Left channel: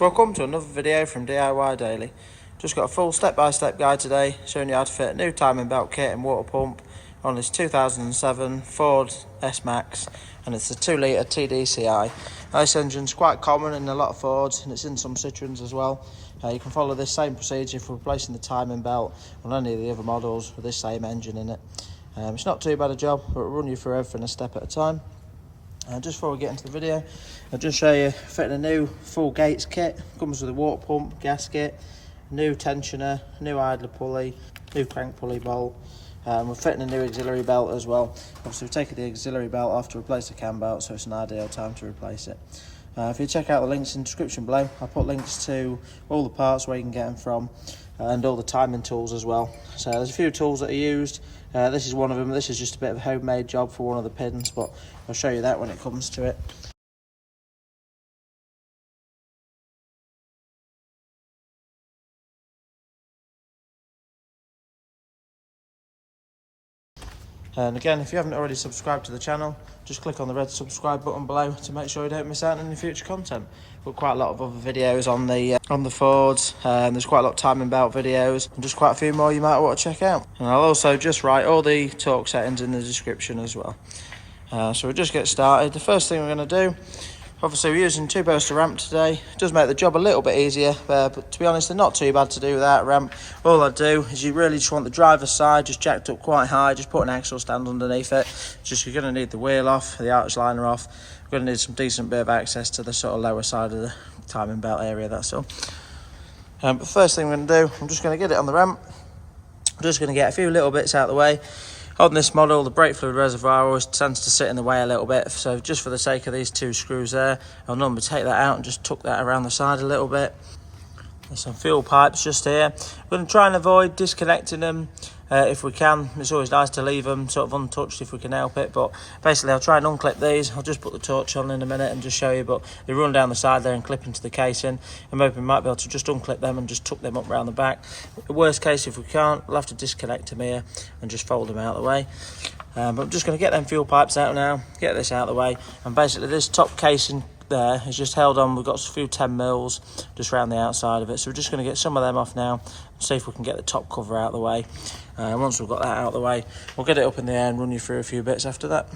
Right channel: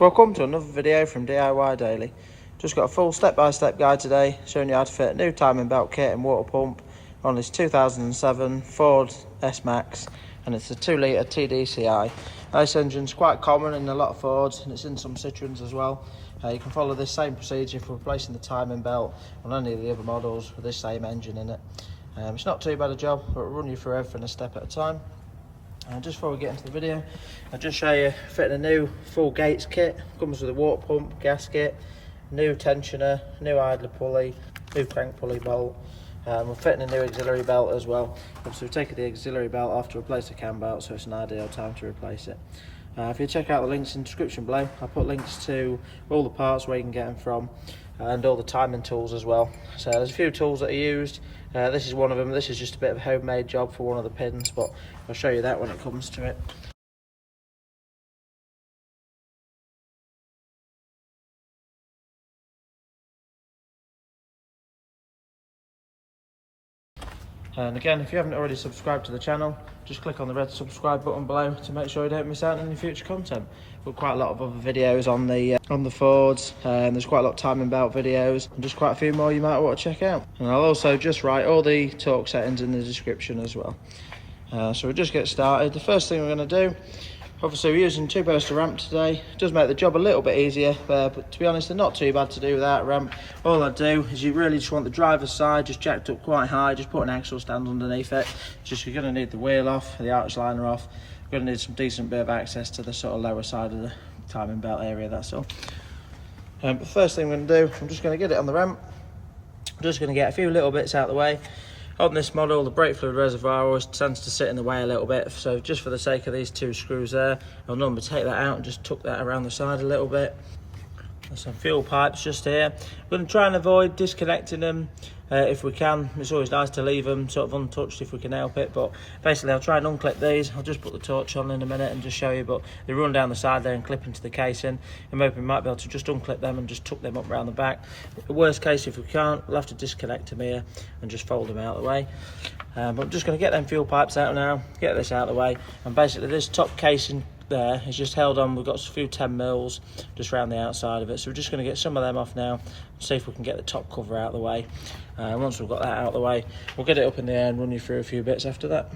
Welcome to another video from DIY Daily. Just got a full step-by-step guide today showing you how to fit a new timing belt kit and water pump on this 2007 Ford S-Max, and it's a 2 litre TDCI. Now, this engine's quite common in a lot of Fords and it's in some Citroens as well. You can follow this same procedure for replacing the timing belt on any of the other models with this same engine in it. It's not too bad a job, but we'll run you through everything a step at a time. Just before we get into the video, I'll just show you fitting a new full gates kit. Comes with a water pump, gasket, new tensioner, new idler pulley, new crank pulley bolt. We're fitting a new auxiliary belt as well. Obviously we've taken the auxiliary belt off to replace the cam belt, so it's an ideal time to replace it. If you check out the links in the description below, I'll put links to all the parts where you can get them from, and all the timing tools as well. So there's a few tools that are used. This is one of them. This is just a bit of a homemade job for one of the pins, but I'll show you that when it comes to it. And again, if you haven't already subscribed to the channel, just click on the red subscribe button below to make sure you don't miss out on any future content. We've got quite a lot of other videos on the Fords, there's quite a lot of timing belt videos, and just quite a few more you might want to check out. And I'll also just write all the torque settings in the description as well. So we'll just get started. The first thing we're going to do, obviously we're using 2 poster ramp today. It does make the job a little bit easier, but to be honest, they're not too bad to do without ramp. All I do is you really just want the driver's side just jacked up quite high, just put an axle stand underneath it. Just you're going to need the wheel off, the arch liner off. You're going to need some decent bit of access to the sort of lower side of the timing belt area, that's all. But the first thing we're going to do, I'm just going to get it on the ramp. I'm just going to get a few little bits out of the way. On this model, the brake fluid reservoir always tends to sit in the way a little bit, so just for the sake of these 2 screws there, I'll normally take that out and just tuck that around the side a little bit. There's some fuel pipes just here. We're going to try and avoid disconnecting them if we can. It's always nice to leave them sort of untouched if we can help it, but basically I'll try and unclip these. I'll just put the torch on in a minute and just show you, but they run down the side there and clip into the casing. I'm hoping we might be able to just unclip them and just tuck them up around the back. The worst case, if we can't, we'll have to disconnect them here and just fold them out of the way. But I'm just going to get them fuel pipes out now, get this out of the way, and basically this top casing there is just held on. We've got a few 10 mils just around the outside of it, so we're just going to get some of them off now and see if we can get the top cover out of the way. Once we've got that out of the way, we'll get it up in the air and run you through a few bits after that.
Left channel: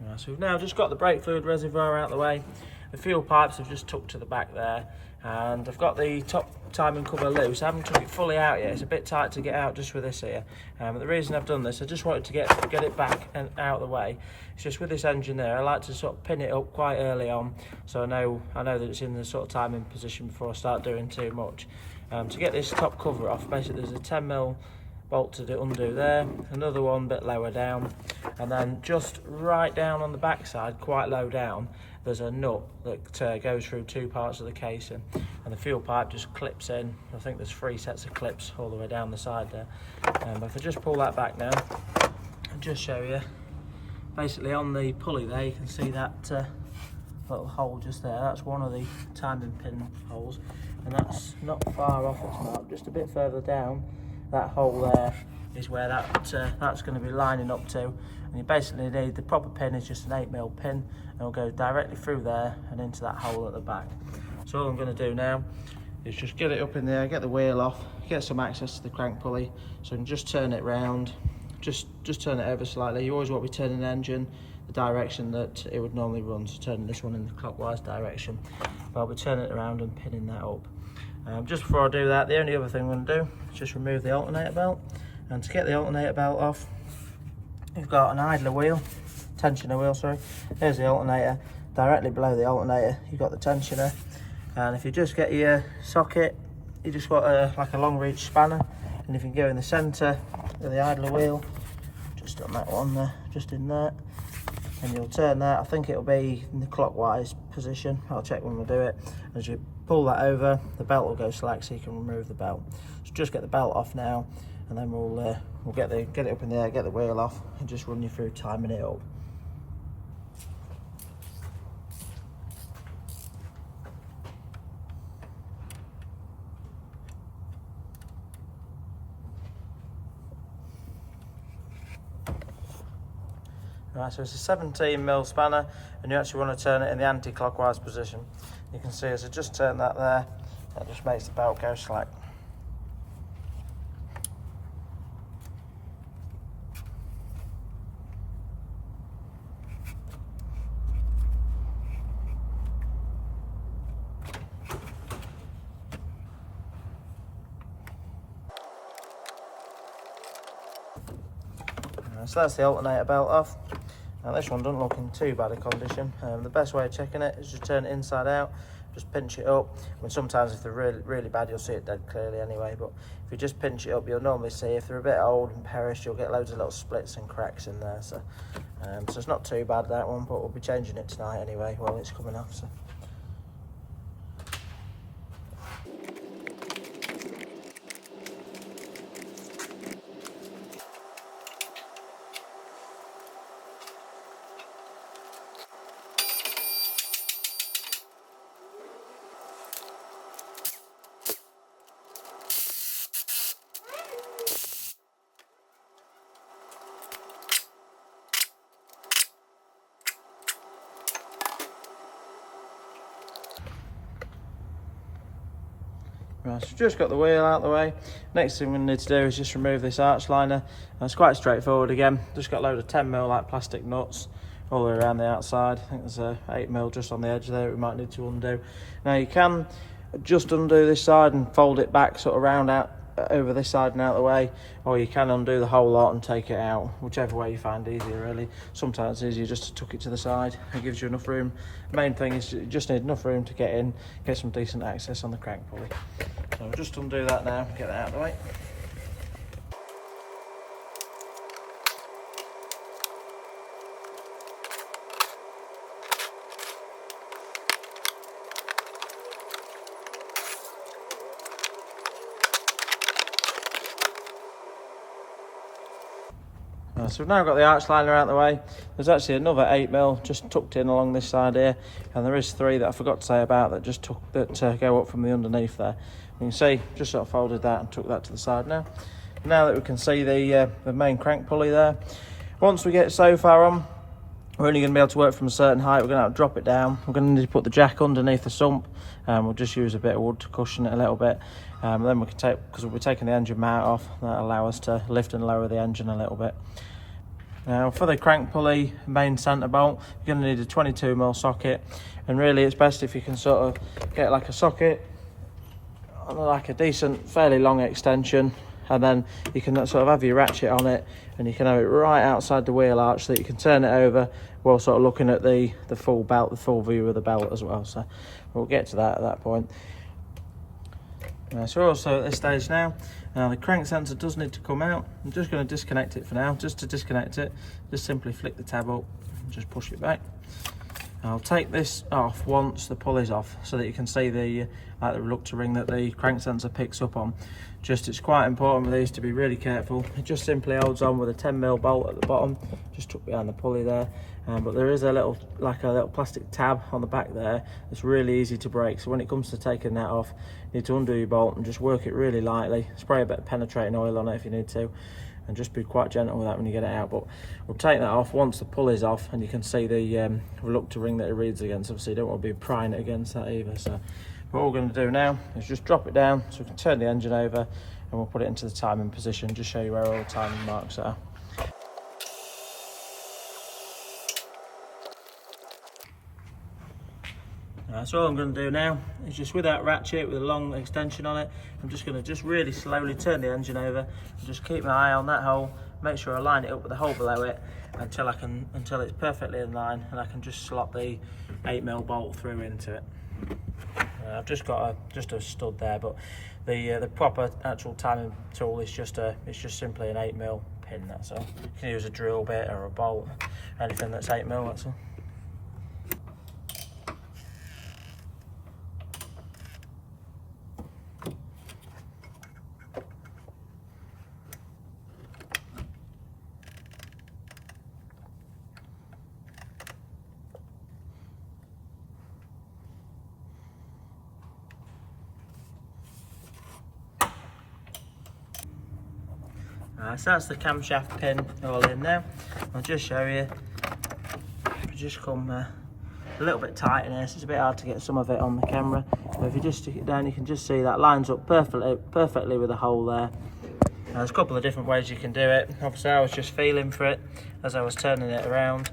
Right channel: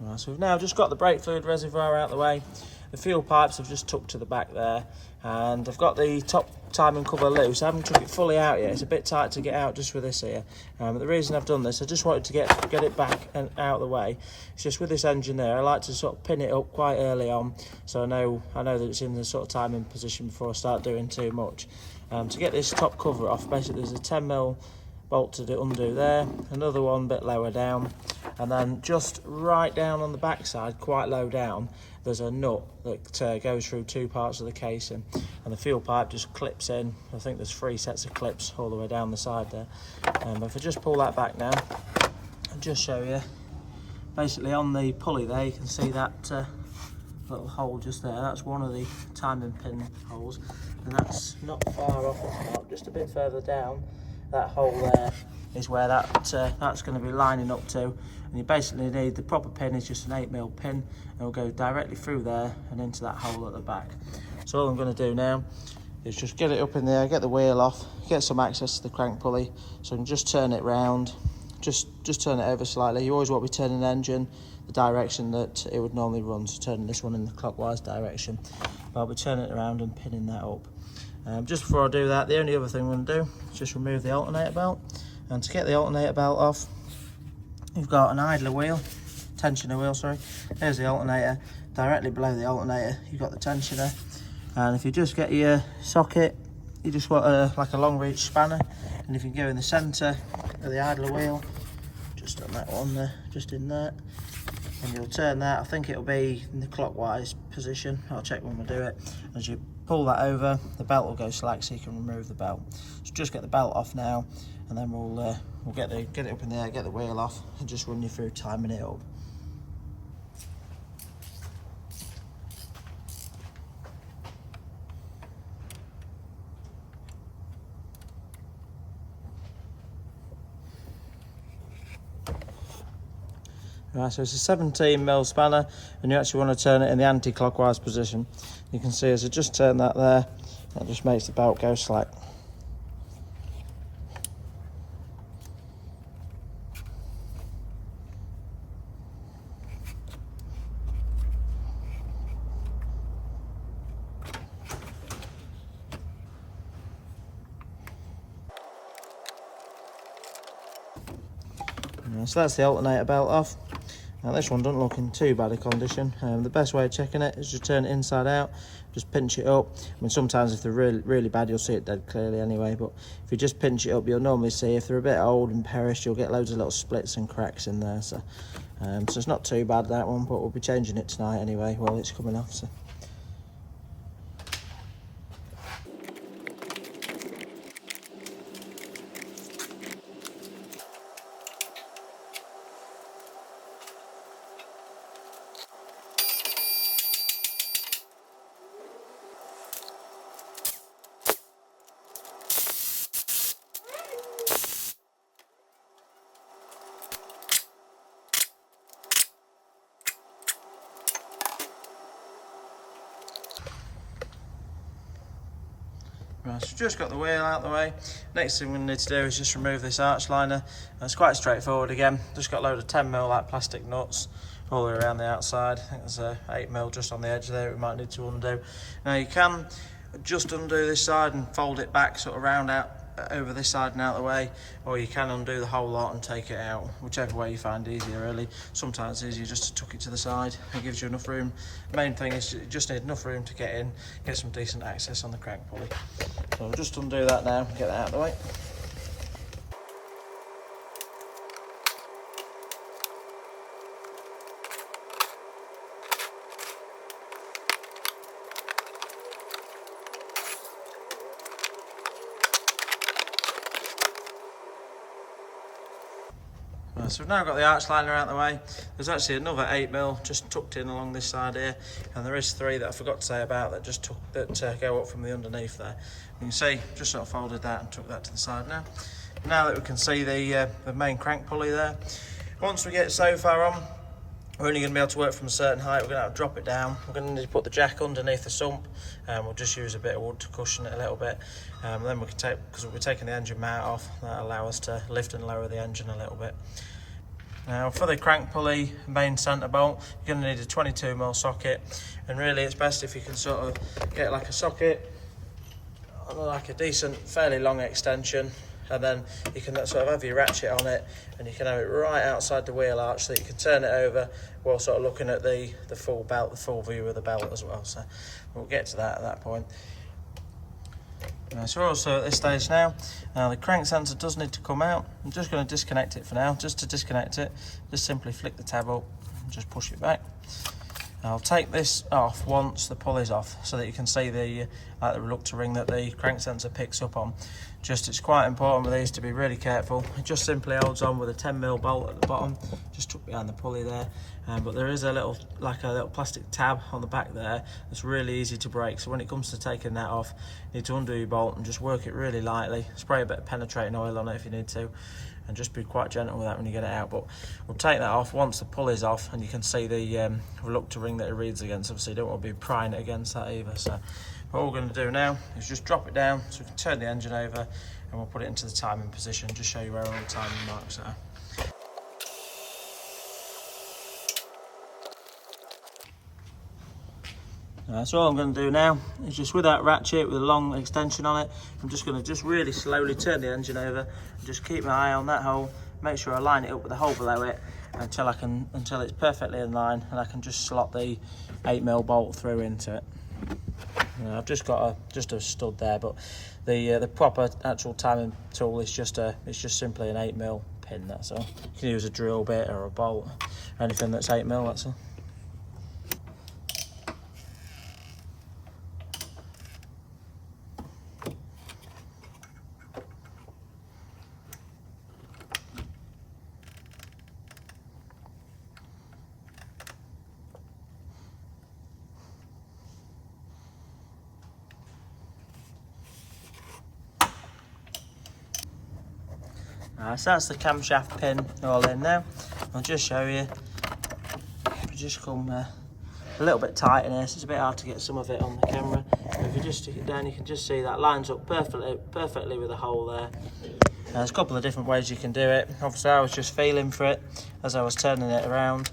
Right, so we've now just got the brake fluid reservoir out of the way. The fuel pipes have just tucked to the back there, and I've got the top timing cover loose. I haven't took it fully out yet. It's a bit tight to get out just with this here. But the reason I've done this, I just wanted to get it back and out of the way. It's just with this engine there, I like to sort of pin it up quite early on, so I know that it's in the sort of timing position before I start doing too much. To get this top cover off, basically there's a 10mm bolt to undo there, another one a bit lower down, and then just right down on the back side, quite low down, there's a nut that goes through 2 parts of the casing, and the fuel pipe just clips in. I think there's 3 sets of clips all the way down the side there. But if I just pull that back now and just show you, basically on the pulley there you can see that little hole just there. That's one of the timing pin holes, and that's not far off, just a bit further down. That hole there is where that's going to be lining up to, and you basically need, the proper pin is just an 8mm pin, and it'll go directly through there and into that hole at the back. So all I'm going to do now is just get it up in there, get the wheel off, get some access to the crank pulley, so I can just turn it round, just turn it over slightly. You always want to be turning the engine the direction that it would normally run, so turning this one in the clockwise direction, but I'll be turning it around and pinning that up. Just before I do that, the only other thing I'm going to do is just remove the alternator belt. And to get the alternator belt off, you've got an idler wheel, tensioner wheel, sorry. There's the alternator. Directly below the alternator, you've got the tensioner. And if you just get your socket you just want like a long reach spanner, and if you go in the centre of the idler wheel, just on that one there, just in there, and you'll turn that. I think it'll be in the clockwise position. I'll check when we do it. As you pull that over, the belt will go slack, so you can remove the belt. So just get the belt off now, and then we'll get it up in the air, get the wheel off, and just run you through timing it up. Right, so it's a 17mm spanner, and you actually want to turn it in the anti-clockwise position. You can see as I just turn that there, that just makes the belt go slack. So that's the alternator belt off. Now this one doesn't look in too bad a condition. The best way of checking it is just turn it inside out, just pinch it up. I mean, sometimes if they're really bad, you'll see it dead clearly anyway, but if you just pinch it up, you'll normally see if they're a bit old and perished, you'll get loads of little splits and cracks in there. So it's not too bad, that one, but we'll be changing it tonight anyway while it's coming off. So. Right, so we've just got the wheel out of the way. Next thing we need to do is just remove this arch liner. It's quite straightforward again. Just got a load of 10mm like plastic nuts all the way around the outside. I think there's a 8mm just on the edge there we might need to undo. Now you can just undo this side and fold it back sort of round out over this side and out of the way, or you can undo the whole lot and take it out, whichever way you find easier really. Sometimes it's easier just to tuck it to the side. It gives you enough room. The main thing is you just need enough room to get in, get some decent access on the crank pulley. So I'll just undo that now, get that out of the way. So we've now got the arch liner out of the way. There's actually another 8mm just tucked in along this side here, and there is 3 that I forgot to say about that just go up from the underneath there. You can see just sort of folded that and took that to the side now. Now that we can see the main crank pulley there, once we get so far on, we're only going to be able to work from a certain height. We're going to have to drop it down. We're going to need to put the jack underneath the sump, and we'll just use a bit of wood to cushion it a little bit. Then we can take, because we'll be taking the engine mount off, that'll allow us to lift and lower the engine a little bit. Now for the crank pulley main centre bolt, you're going to need a 22mm socket, and really it's best if you can sort of get like a socket, like a decent, fairly long extension, and then you can sort of have your ratchet on it, and you can have it right outside the wheel arch so that you can turn it over while sort of looking at the full belt, the full view of the belt as well. So we'll get to that at that point. So we're also at this stage now. Now the crank sensor does need to come out. I'm just going to disconnect it for now. Just to disconnect it, just simply flick the tab up and just push it back. I'll take this off once the pulley's off, so that you can see the reluctor ring that the crank sensor picks up on. It's quite important with these to be really careful. It just simply holds on with a 10mm bolt at the bottom, just tucked behind the pulley there. But there is a little plastic tab on the back there that's really easy to break. So when it comes to taking that off, you need to undo your bolt and just work it really lightly. Spray a bit of penetrating oil on it if you need to, and just be quite gentle with that when you get it out. But we'll take that off once the pulley's off, and you can see the reluctor ring that it reads against. Obviously you don't want to be prying it against that either. So what we're going to do now is just drop it down so we can turn the engine over, and we'll put it into the timing position, just show you where all the timing marks are. So all I'm going to do now is just with that ratchet with a long extension on it, I'm just going to just really slowly turn the engine over and just keep my eye on that hole, make sure I line it up with the hole below it until it's perfectly in line, and I can just slot the 8mm bolt through into it. I've just got a stud there, but the proper actual timing tool is just simply an 8mm pin. That's all. You can use a drill bit or a bolt, anything that's 8mm. That's all. So that's the camshaft pin all in now. I'll just show you. Just come a little bit tight in here, so it's a bit hard to get some of it on the camera. But if you just stick it down, you can just see that lines up perfectly with the hole there. There's a couple of different ways you can do it. Obviously, I was just feeling for it as I was turning it around.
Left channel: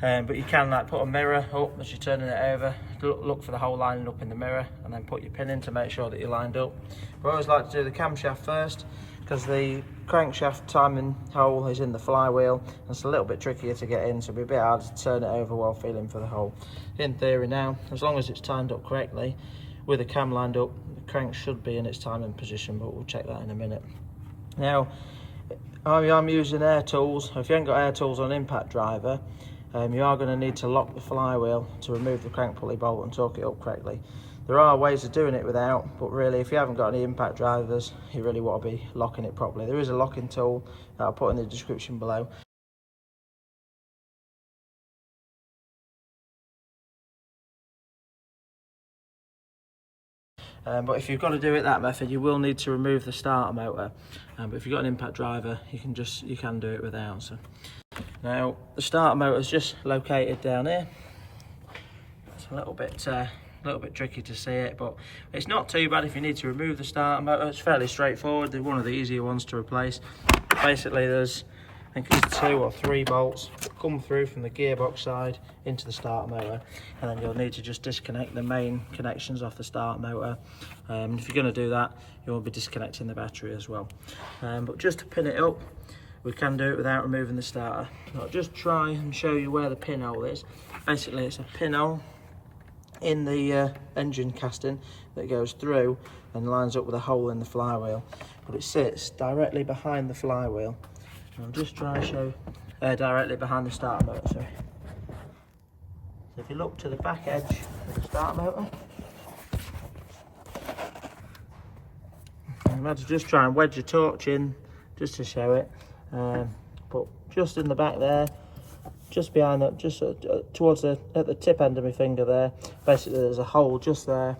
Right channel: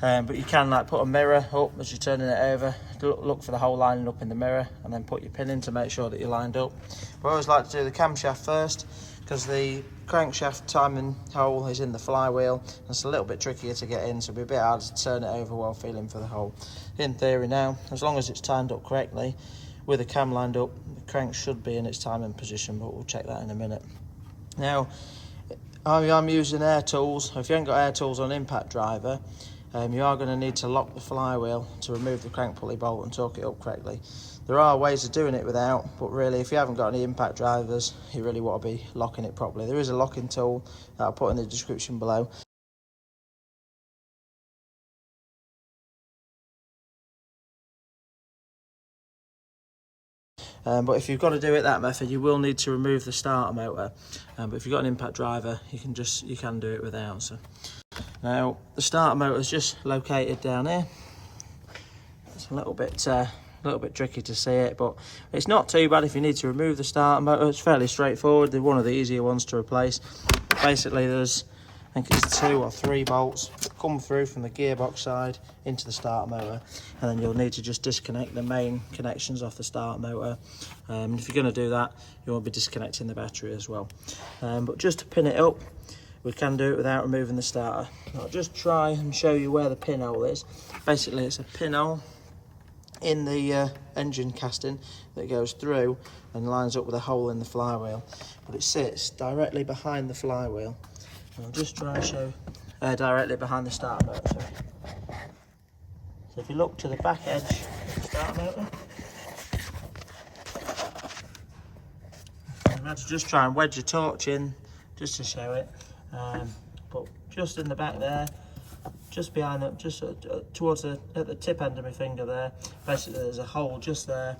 But you can like put a mirror up as you're turning it over, look for the hole lining up in the mirror, and then put your pin in to make sure that you're lined up. But I always like to do the camshaft first, because the crankshaft timing hole is in the flywheel. It's a little bit trickier to get in, so it'll be a bit harder to turn it over while feeling for the hole. In theory now, as long as it's timed up correctly, with the cam lined up, the crank should be in its timing position, but we'll check that in a minute. Now, I'm using air tools. If you haven't got air tools on impact driver, you are going to need to lock the flywheel to remove the crank pulley bolt and torque it up correctly. There are ways of doing it without, but really if you haven't got any impact drivers, you really want to be locking it properly. There is a locking tool that I'll put in the description below. But if you've got to do it that method, you will need to remove the starter motor. But if you've got an impact driver, you can do it without. So now the starter motor is just located down here. It's a little bit tricky to see it, but it's not too bad if you need to remove the starter motor. It's fairly straightforward. They're one of the easier ones to replace. Basically, there's, I think it's 2 or 3 bolts that come through from the gearbox side into the starter motor, and then you'll need to just disconnect the main connections off the starter motor. If you're going to do that, you will be disconnecting the battery as well. But just to pin it up, we can do it without removing the starter. I'll just try and show you where the pinhole is. Basically, it's a pinhole in the engine casting that goes through and lines up with a hole in the flywheel, but it sits directly behind the flywheel. I'll just try and show directly behind the starter motor, sorry. So if you look to the back edge of the starter motor, I'm going to just try and wedge the torch in just to show it, but just in the back there, just behind that, just towards at the tip end of my finger there, basically there's a hole just there.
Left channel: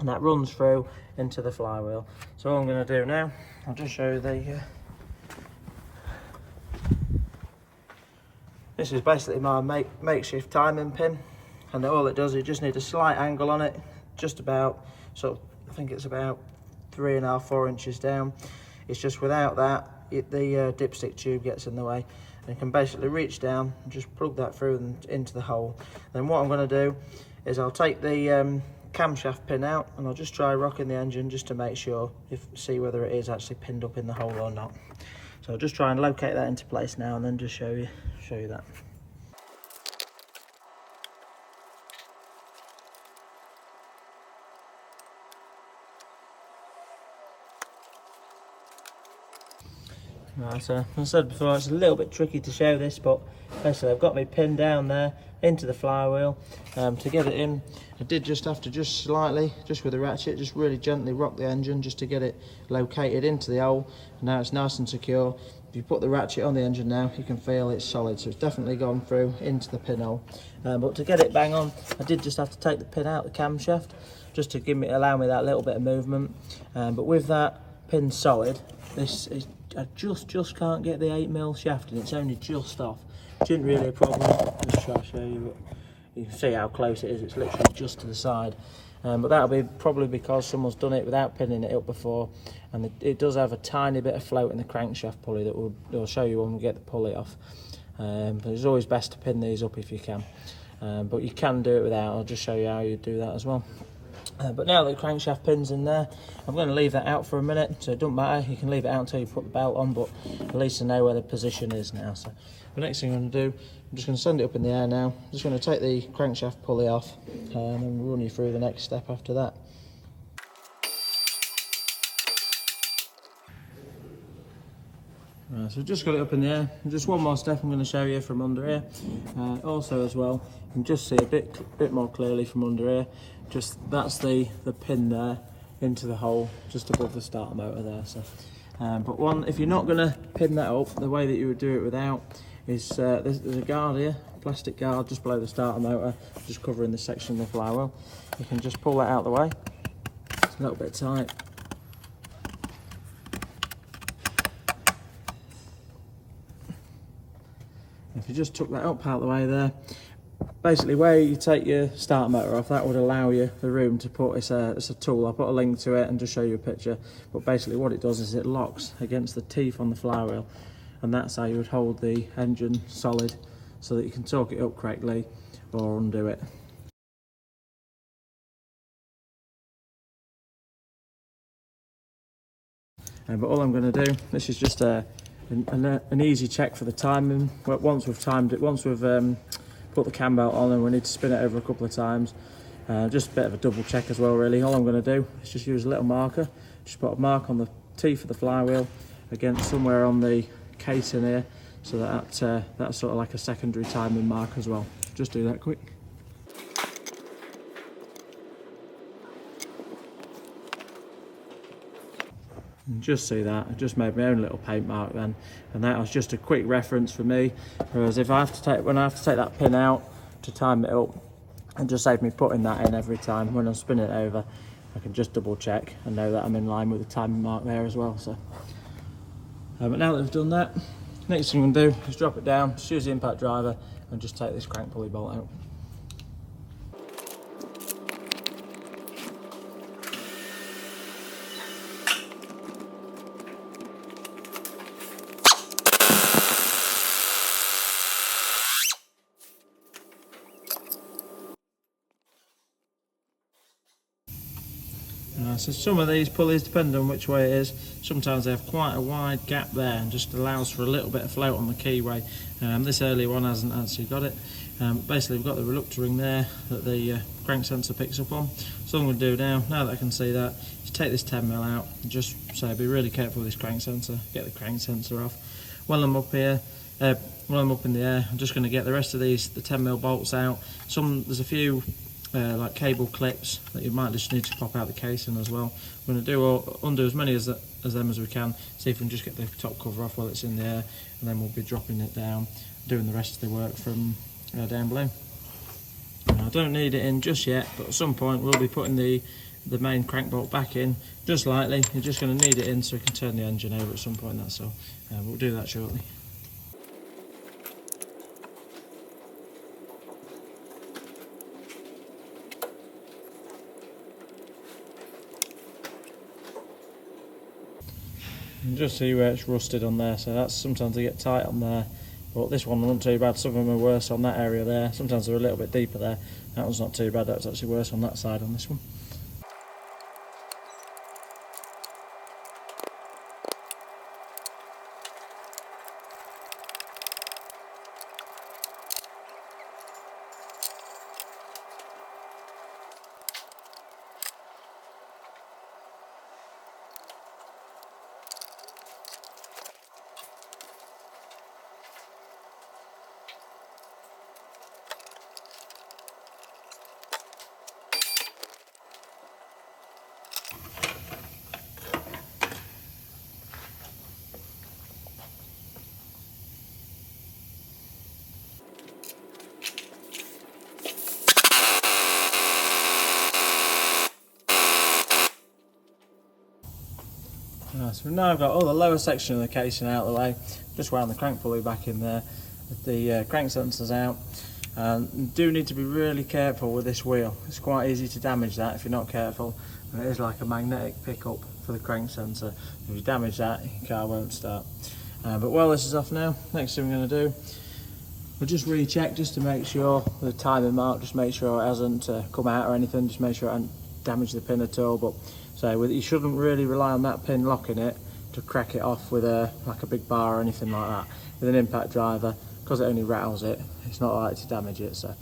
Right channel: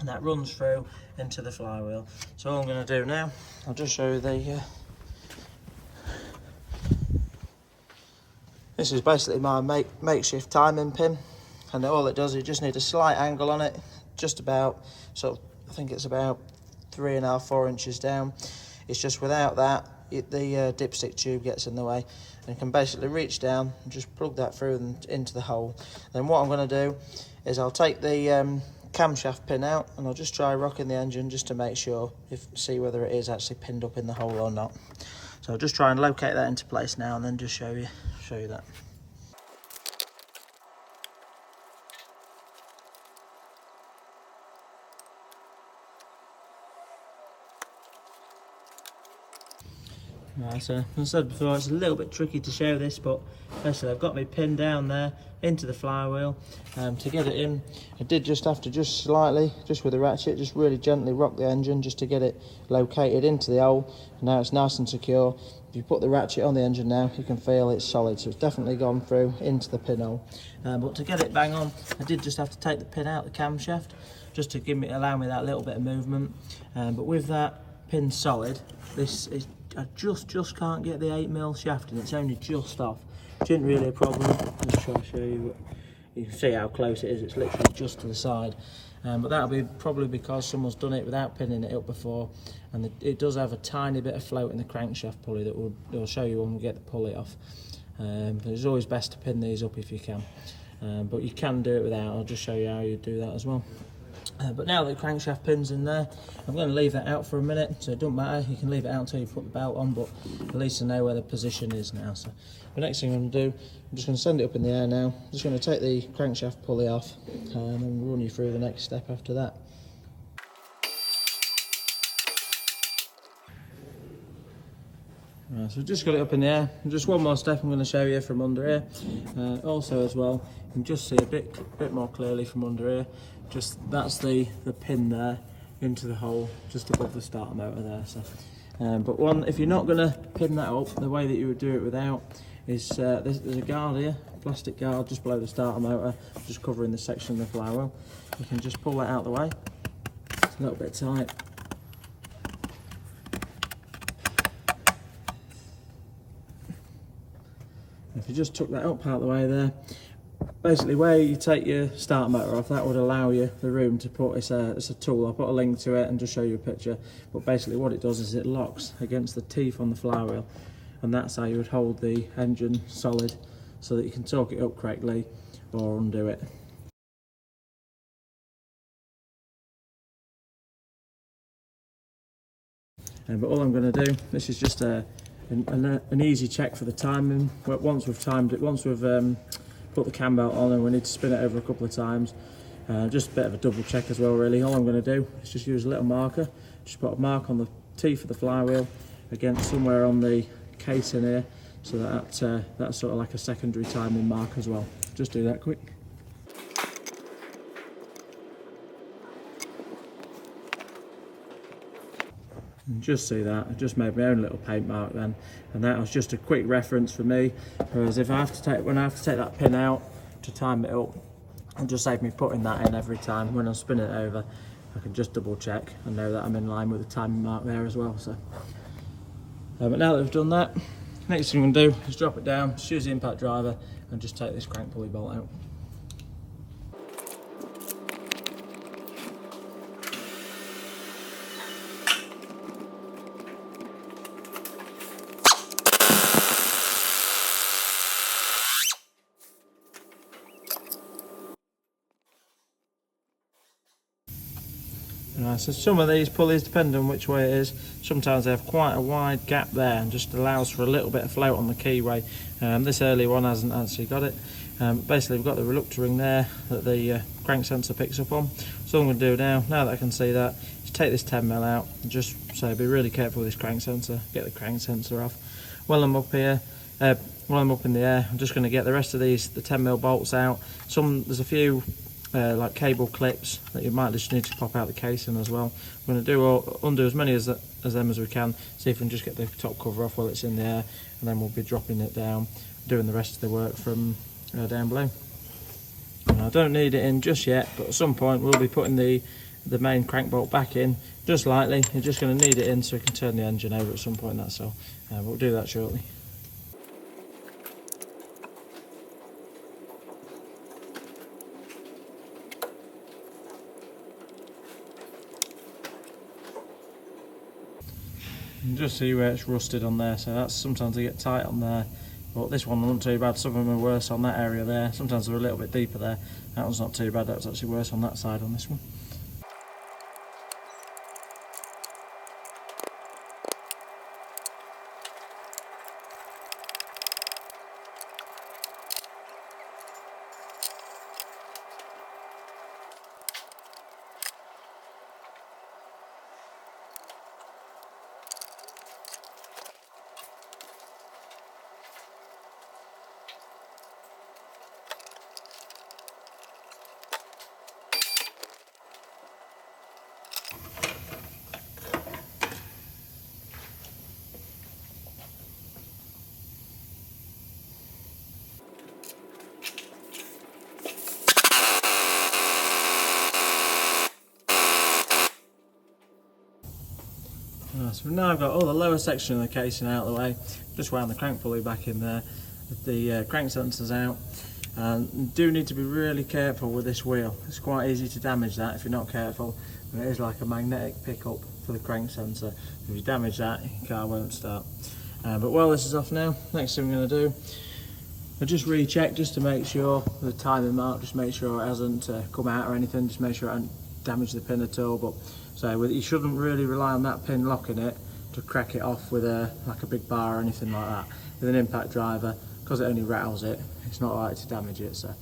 And that runs through into the flywheel. So all I'm going to do now, I'll just show you the this is basically my makeshift timing pin, and all it does is just need a slight angle on it, just about, so I think it's about 3.5 to 4 inches down. It's just without that, the dipstick tube gets in the way, and you can basically reach down and just plug that through and into the hole. Then what I'm going to do is I'll take the camshaft pin out, and I'll just try rocking the engine just to make sure, see whether it is actually pinned up in the hole or not. So I'll just try and locate that into place now, and then just show you that. Right, so as I said before, it's a little bit tricky to show this, but basically I've got my pin down there into the flywheel. To get it in, I did just have to slightly, just with a ratchet, just really gently rock the engine just to get it located into the hole. Now it's nice and secure. If you put the ratchet on the engine now, you can feel it's solid, so it's definitely gone through into the pinhole. But to get it bang on, I did just have to take the pin out the camshaft, just to allow me that little bit of movement. But with that pin solid, I just can't get the 8mm shaft, and it's only just off. It isn't really a problem. Let's try to show you. You can see how close it is. It's literally just to the side. But that'll be probably because someone's done it without pinning it up before, and it does have a tiny bit of float in the crankshaft pulley that we'll show you when we get the pulley off. But it's always best to pin these up if you can. But you can do it without. I'll just show you how you do that as well. But now that the crankshaft pin's in there, I'm going to leave that out for a minute, so it doesn't matter, you can leave it out until you put the belt on, but at least I know where the position is now. So the next thing I'm going to do, I'm just going to send it up in the air now. I'm just going to take the crankshaft pulley off, and then run you through the next step after that. Right, so just got it up in the air. Just one more step I'm going to show you from under here. Also as well, you can just see a bit more clearly from under here. Just that's the pin there into the hole just above the starter motor there. So, but if you're not going to pin that up, the way that you would do it without is there's a guard here, plastic guard just below the starter motor, just covering this section of the flywheel. You can just pull that out of the way. It's a little bit tight. If you just took that up out of the way there, basically where you take your starter motor off, that would allow you the room to put, it's a tool, I'll put a link to it and just show you a picture, but basically what it does is it locks against the teeth on the flywheel, and that's how you would hold the engine solid so that you can torque it up correctly or undo it. But all I'm going to do, this is just an easy check for the timing. Once we've timed it, once we've put the cam belt on and we need to spin it over a couple of times, just a bit of a double check as well really. All I'm going to do is just use a little marker, just put a mark on the teeth of the flywheel against somewhere on the case in here, so that's sort of like a secondary timing mark as well. Just do that quick. And just see that, I just made my own little paint mark then, and that was just a quick reference for me, whereas if I have to take, when I have to take that pin out to time it up, it just saves me putting that in every time. When I'm spinning it over, I can just double check and know that I'm in line with the timing mark there as well. So, but now that we've done that, next thing I'm going to do is drop it down, just use the impact driver and just take this crank pulley bolt out. So some of these pulleys, depending on which way it is, sometimes they have quite a wide gap there and just allows for a little bit of float on the keyway. This early one hasn't actually got it. Basically we've got the reluctor ring there that the crank sensor picks up on. So all I'm going to do now that I can see that, is take this 10mm out and just say be really careful with this crank sensor, get the crank sensor off. While I'm up here, while I'm up in the air, I'm just going to get the rest of these, the 10mm bolts out. There's a few like cable clips that you might just need to pop out the casing as well. We're going to undo as many of them as we can, see if we can just get the top cover off while it's in the air, and then we'll be dropping it down, doing the rest of the work from down below. And I don't need it in just yet, but at some point we'll be putting the main crank bolt back in just lightly. You're just going to need it in so we can turn the engine over at some point, that's all. We'll do that shortly. You can just see where it's rusted on there, so that's sometimes they get tight on there, but this one wasn't too bad. Some of them are worse on that area there, sometimes they're a little bit deeper there. That one's not too bad, that's actually worse on that side on this one. So now I've got all the lower section of the casing out of the way, just wound the crank pulley back in there, with the crank sensors out. And you do need to be really careful with this wheel. It's quite easy to damage that if you're not careful. And it is like a magnetic pickup for the crank sensor. If you damage that, your car won't start. But while this is off now, next thing we're going to do, I'll just recheck just to make sure the timing mark, just make sure it hasn't come out or anything, just make sure it hasn't damage the pin at all. But so you shouldn't really rely on that pin locking it to crack it off with like a big bar or anything like that. With an impact driver, because it only rattles it, it's not likely to damage it. So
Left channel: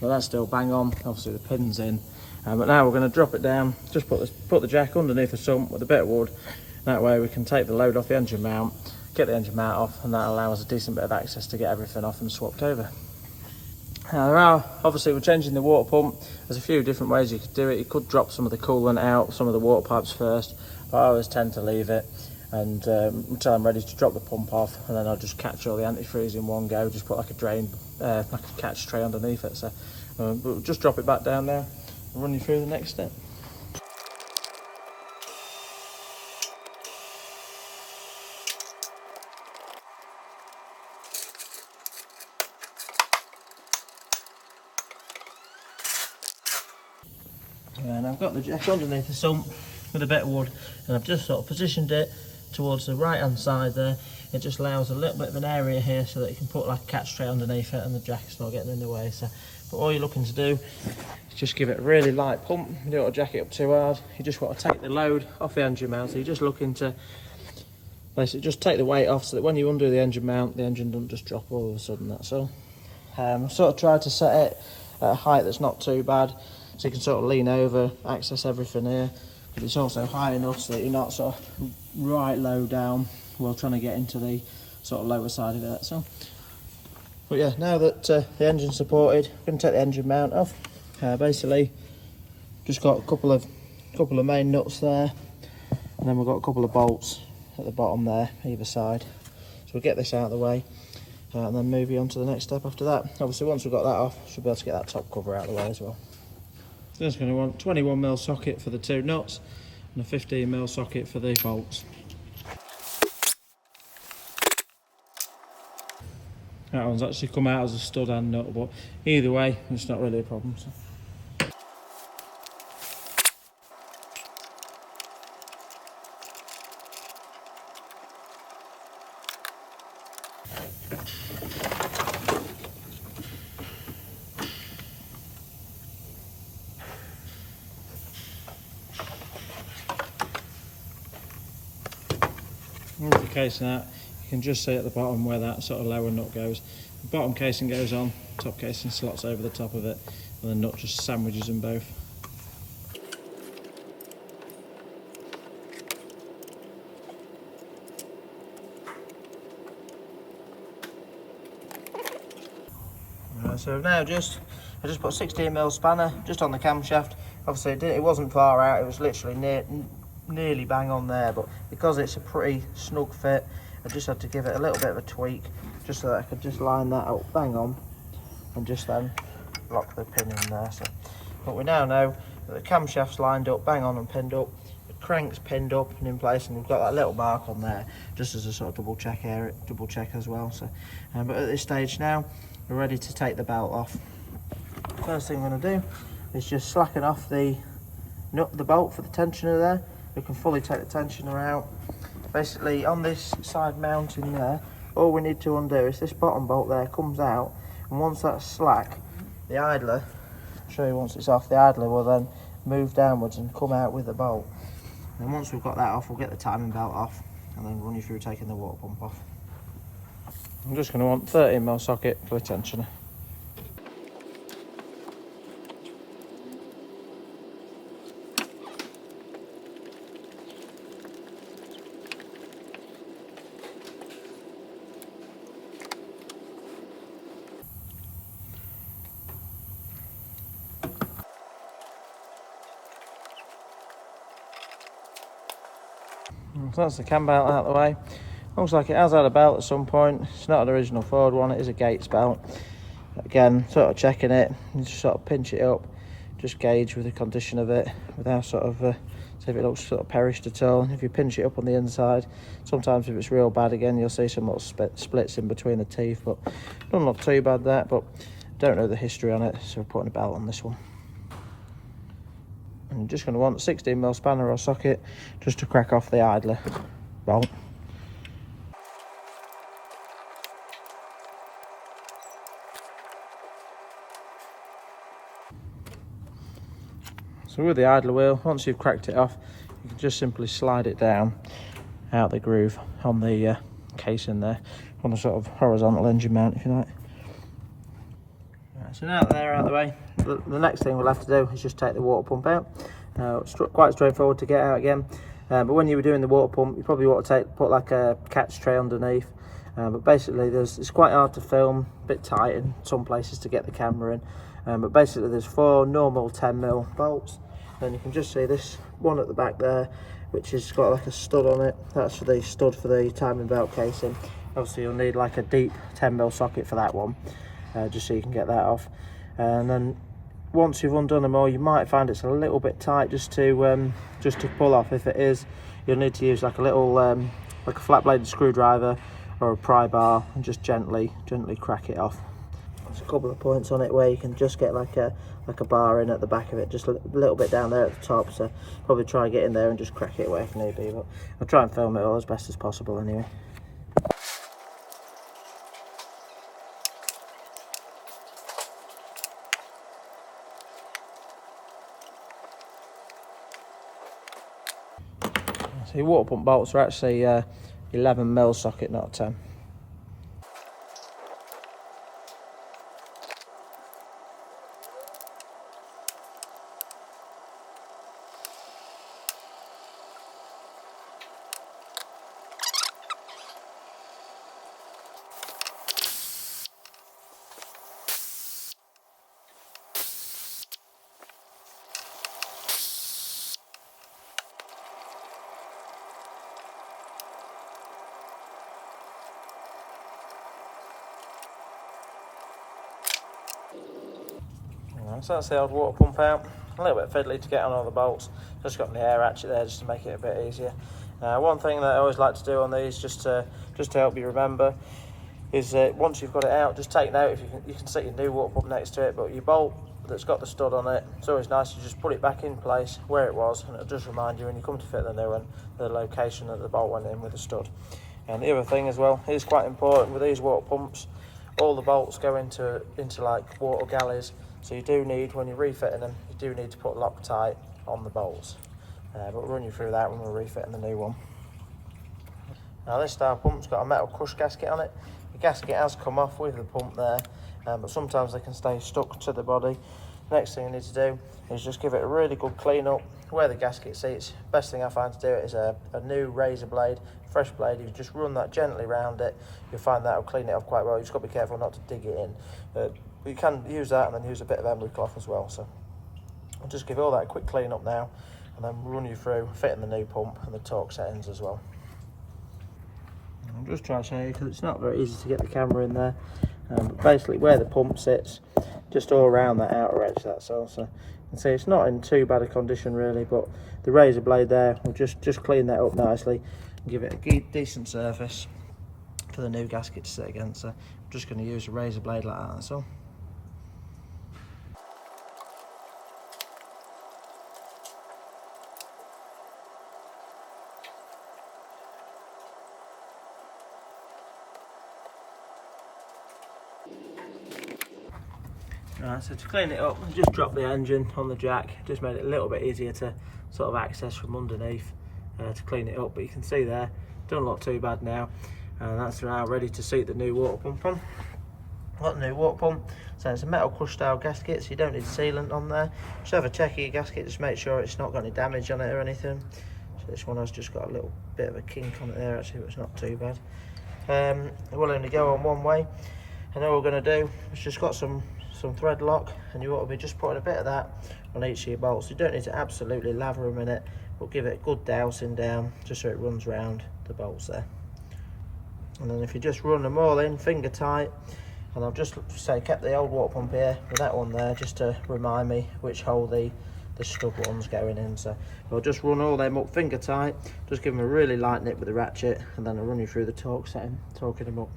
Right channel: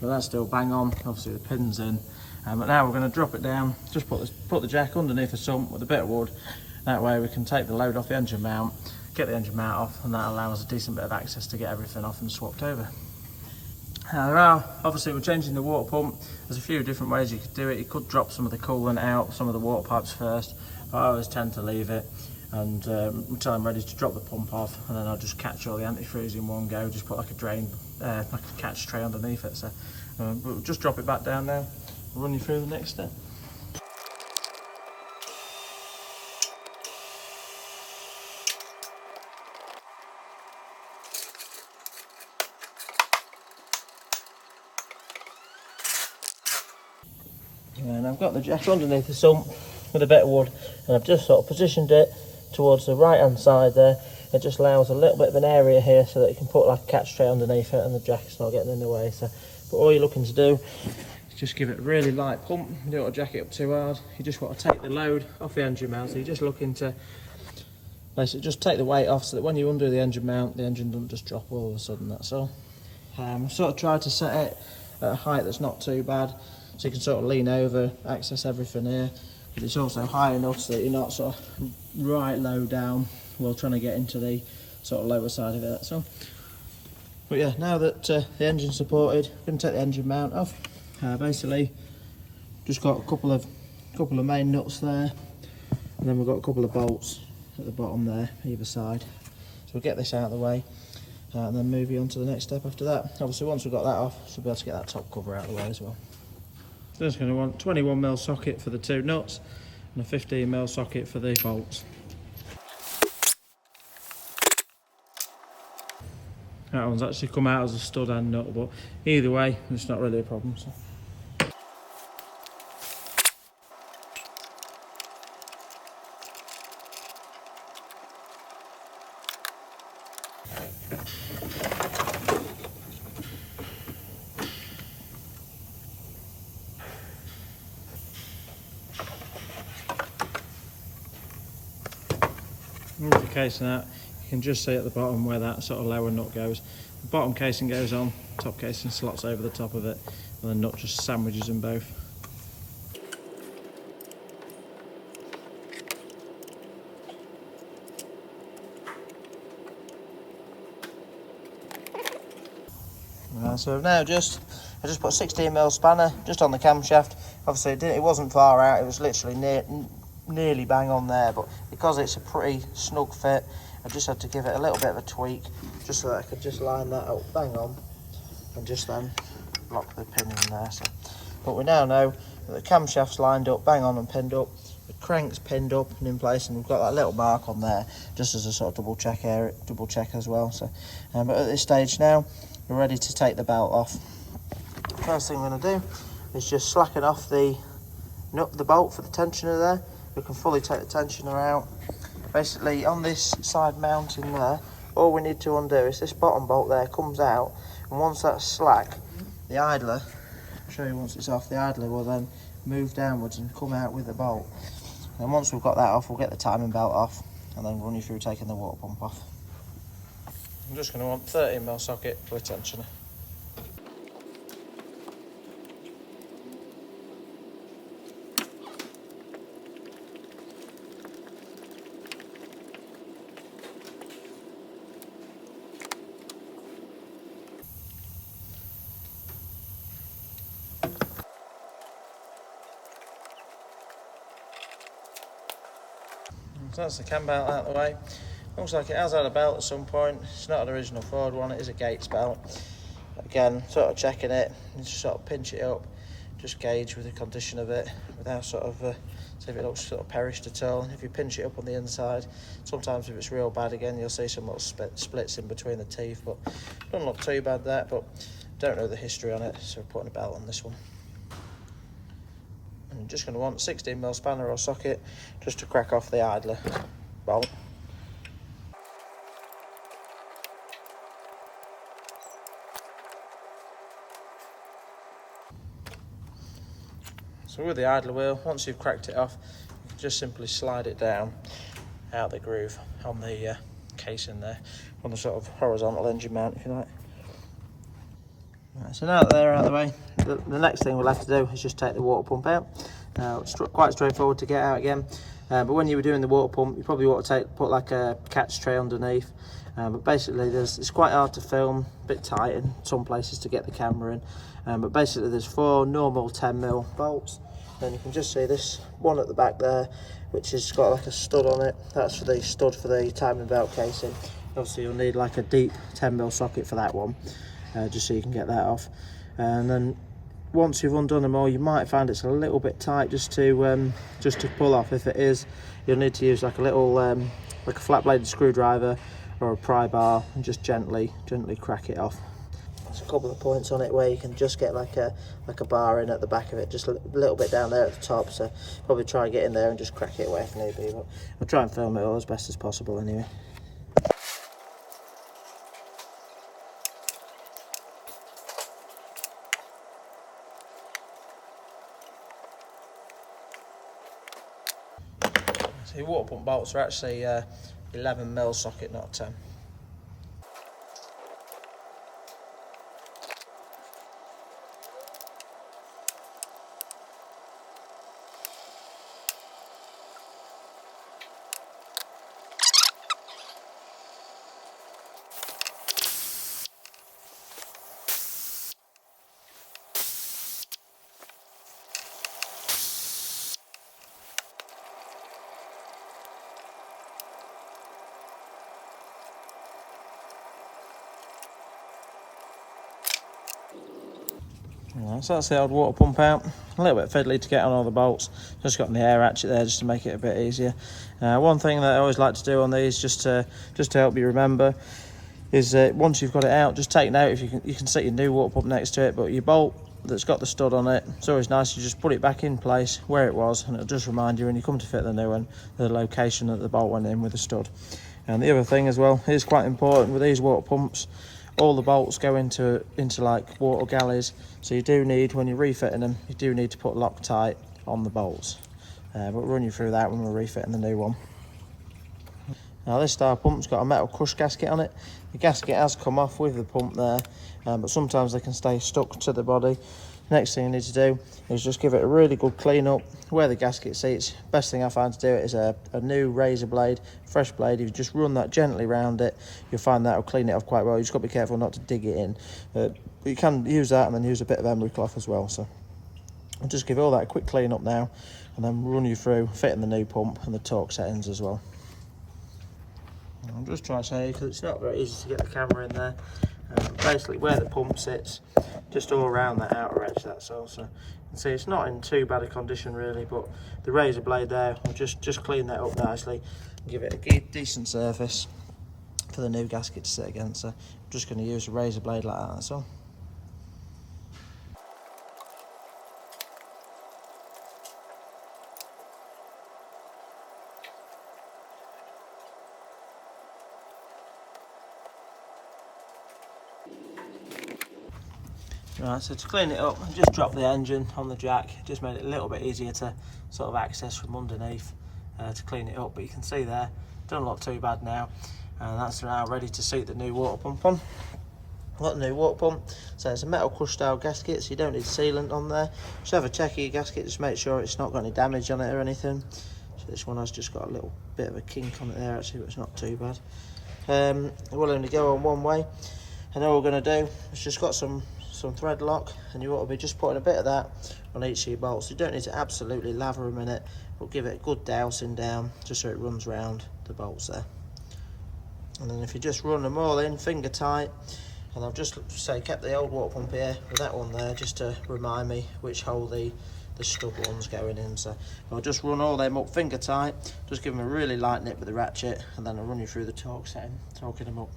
but that's still bang on. Obviously the pin's in, but now we're going to drop it down. Just put the jack underneath the sump with a bit of wood. That way we can take the load off the engine mount, get the engine mount off, and that allows a decent bit of access to get everything off and swapped over. Now obviously we're changing the water pump. There's a few different ways you could do it. You could drop some of the coolant out, some of the water pipes first, but I always tend to leave it and until I'm ready to drop the pump off, and then I'll just catch all the antifreeze in one go. Just put like a drain, like a catch tray underneath it. So we'll just drop it back down now and run you through the next step. And I've got the jack underneath the sump with a bit of wood, and I've just sort of positioned it towards the right hand side there. It just allows a little bit of an area here so that you can put like a catch tray underneath it and the jack's not getting in the way. So, but all you're looking to do is just give it a really light pump. You don't want to jack it up too hard. You just want to take the load off the engine mount. So you're just looking to basically just take the weight off so that when you undo the engine mount, the engine doesn't just drop all of a sudden, that's all. I've sort of tried to set it at a height that's not too bad, so you can sort of lean over, access everything here, but it's also high enough so that you're not sort of right low down while trying to get into the sort of lower side of it, that's all. But yeah, now that the engine's supported, we're going to take the engine mount off. Basically, just got a couple of main nuts there, and then we've got a couple of bolts at the bottom there, either side. So we'll get this out of the way, and then move you on to the next step after that. Obviously, once we've got that off, we'll be able to get that top cover out of the way as well. So that's going to want 21mm socket for the two nuts and a 15mm socket for the bolts. That one's actually come out as a stud and nut, but either way, it's not really a problem. So. With the casing out, you can just see at the bottom where that sort of lower nut goes. The bottom casing goes on, top casing slots over the top of it, and the nut just sandwiches them both. So now I just put a 16mm spanner just on the camshaft. Obviously it wasn't far out, it was literally nearly bang on there, but because it's a pretty snug fit, I just had to give it a little bit of a tweak just so that I could just line that up bang on and just then lock the pin in there. So, but we now know that the camshaft's lined up bang on and pinned up, the crank's pinned up and in place, and we've got that little mark on there just as a sort of double check as well. So but at this stage now we're ready to take the belt off. First thing we're going to do is just slacken off the bolt for the tensioner there. We can fully take the tensioner out. Basically on this side mounting there, all we need to undo is this bottom bolt there comes out, and once that's slack, the idler, I'll show you once it's off, the idler will then move downwards and come out with the bolt. And once we've got that off, we'll get the timing belt off and then run you through taking the water pump off. I'm just going to want 13mm socket for a tensioner. So that's the cam belt out of the way. Looks like it has had a belt at some point. It's not an original Ford one, it is a Gates belt. Again, sort of checking it, you just sort of pinch it up, just gauge with the condition of it, without sort of, see if it looks sort of perished at all. And if you pinch it up on the inside, sometimes if it's real bad again, you'll see some little splits in between the teeth, but doesn't look too bad that, but don't know the history on it, so we're putting a belt on this one. I'm just going to want a 16mm spanner or socket just to crack off the idler bolt. So with the idler wheel, once you've cracked it off, you can just simply slide it down out the groove on the casing there, on a sort of horizontal engine mount, if you like. Right, so now that they're out of the way, the next thing we'll have to do is just take the water pump out. It's quite straightforward to get out again, but when you were doing the water pump, you probably want to put like a catch tray underneath. But basically, it's quite hard to film, a bit tight in some places to get the camera in. But basically, there's 4 normal 10mm bolts, and you can just see this one at the back there, which has got like a stud on it. That's for the stud for the timing belt casing. Obviously, you'll need like a deep 10mm socket for that one. Just so you can get that off, and then once you've undone them all, you might find it's a little bit tight just to pull off. If it is, you'll need to use like a little like a flat bladed screwdriver or a pry bar and just gently crack it off. There's a couple of points on it where you can just get like a bar in at the back of it, just a little bit down there at the top, so probably try and get in there and just crack it away if need be, but I'll try and film it all as best as possible anyway. So your water pump bolts are actually 11mm socket, not a 10. So that's the old water pump out. A little bit fiddly to get on all the bolts. Just got the air ratchet there just to make it a bit easier. One thing that I always like to do on these, just to help you remember, is once you've got it out, just take note. If you can set your new water pump next to it, but your bolt that's got the stud on it, it's always nice to just put it back in place where it was, and it'll just remind you when you come to fit the new one, the location that the bolt went in with the stud. And the other thing as well is quite important with these water pumps. All the bolts go into like water galleys, so you do need, when you're refitting them, you do need to put Loctite on the bolts. We'll run you through that when we're refitting the new one. Now this style pump's got a metal crush gasket on it. The gasket has come off with the pump there, but sometimes they can stay stuck to the body. Next thing you need to do is just give it a really good clean up where the gasket sits. Best thing I find to do it is a new razor blade, fresh blade. If you just run that gently around it, you'll find that will clean it off quite well. You just got to be careful not to dig it in, but you can use that and then use a bit of emery cloth as well. So I'll just give all that a quick clean up now, and then run you through fitting the new pump and the torque settings as well. I'll just try to show you because it's not very easy to get the camera in there. Basically where the pump sits, just all around that outer edge, that's all. So you can see it's not in too bad a condition really, but the razor blade there will just clean that up nicely and give it a decent surface for the new gasket to sit against. So I'm just going to use a razor blade like that, that's all. Right, so to clean it up, I just dropped the engine on the jack, just made it a little bit easier to sort of access from underneath to clean it up, but you can see there, don't look too bad now, and that's now ready to suit the new water pump on. Got the new water pump, so it's a metal crush style gasket, so you don't need sealant on there. Just have a check of your gasket, just make sure it's not got any damage on it or anything. So this one has just got a little bit of a kink on it there actually, but it's not too bad. We'll only go on one way, and all we're going to do is just got some thread lock, and you ought to be just putting a bit of that on each of your bolts. You don't need to absolutely lather them in it, but give it a good dousing down just so it runs round the bolts there. And then if you just run them all in finger tight, and I've just say kept the old water pump here with that one there just to remind me which hole the stud one's going in. So I'll just run all them up finger tight, just give them a really light nip with the ratchet, and then I'll run you through the torque setting, torquing them up.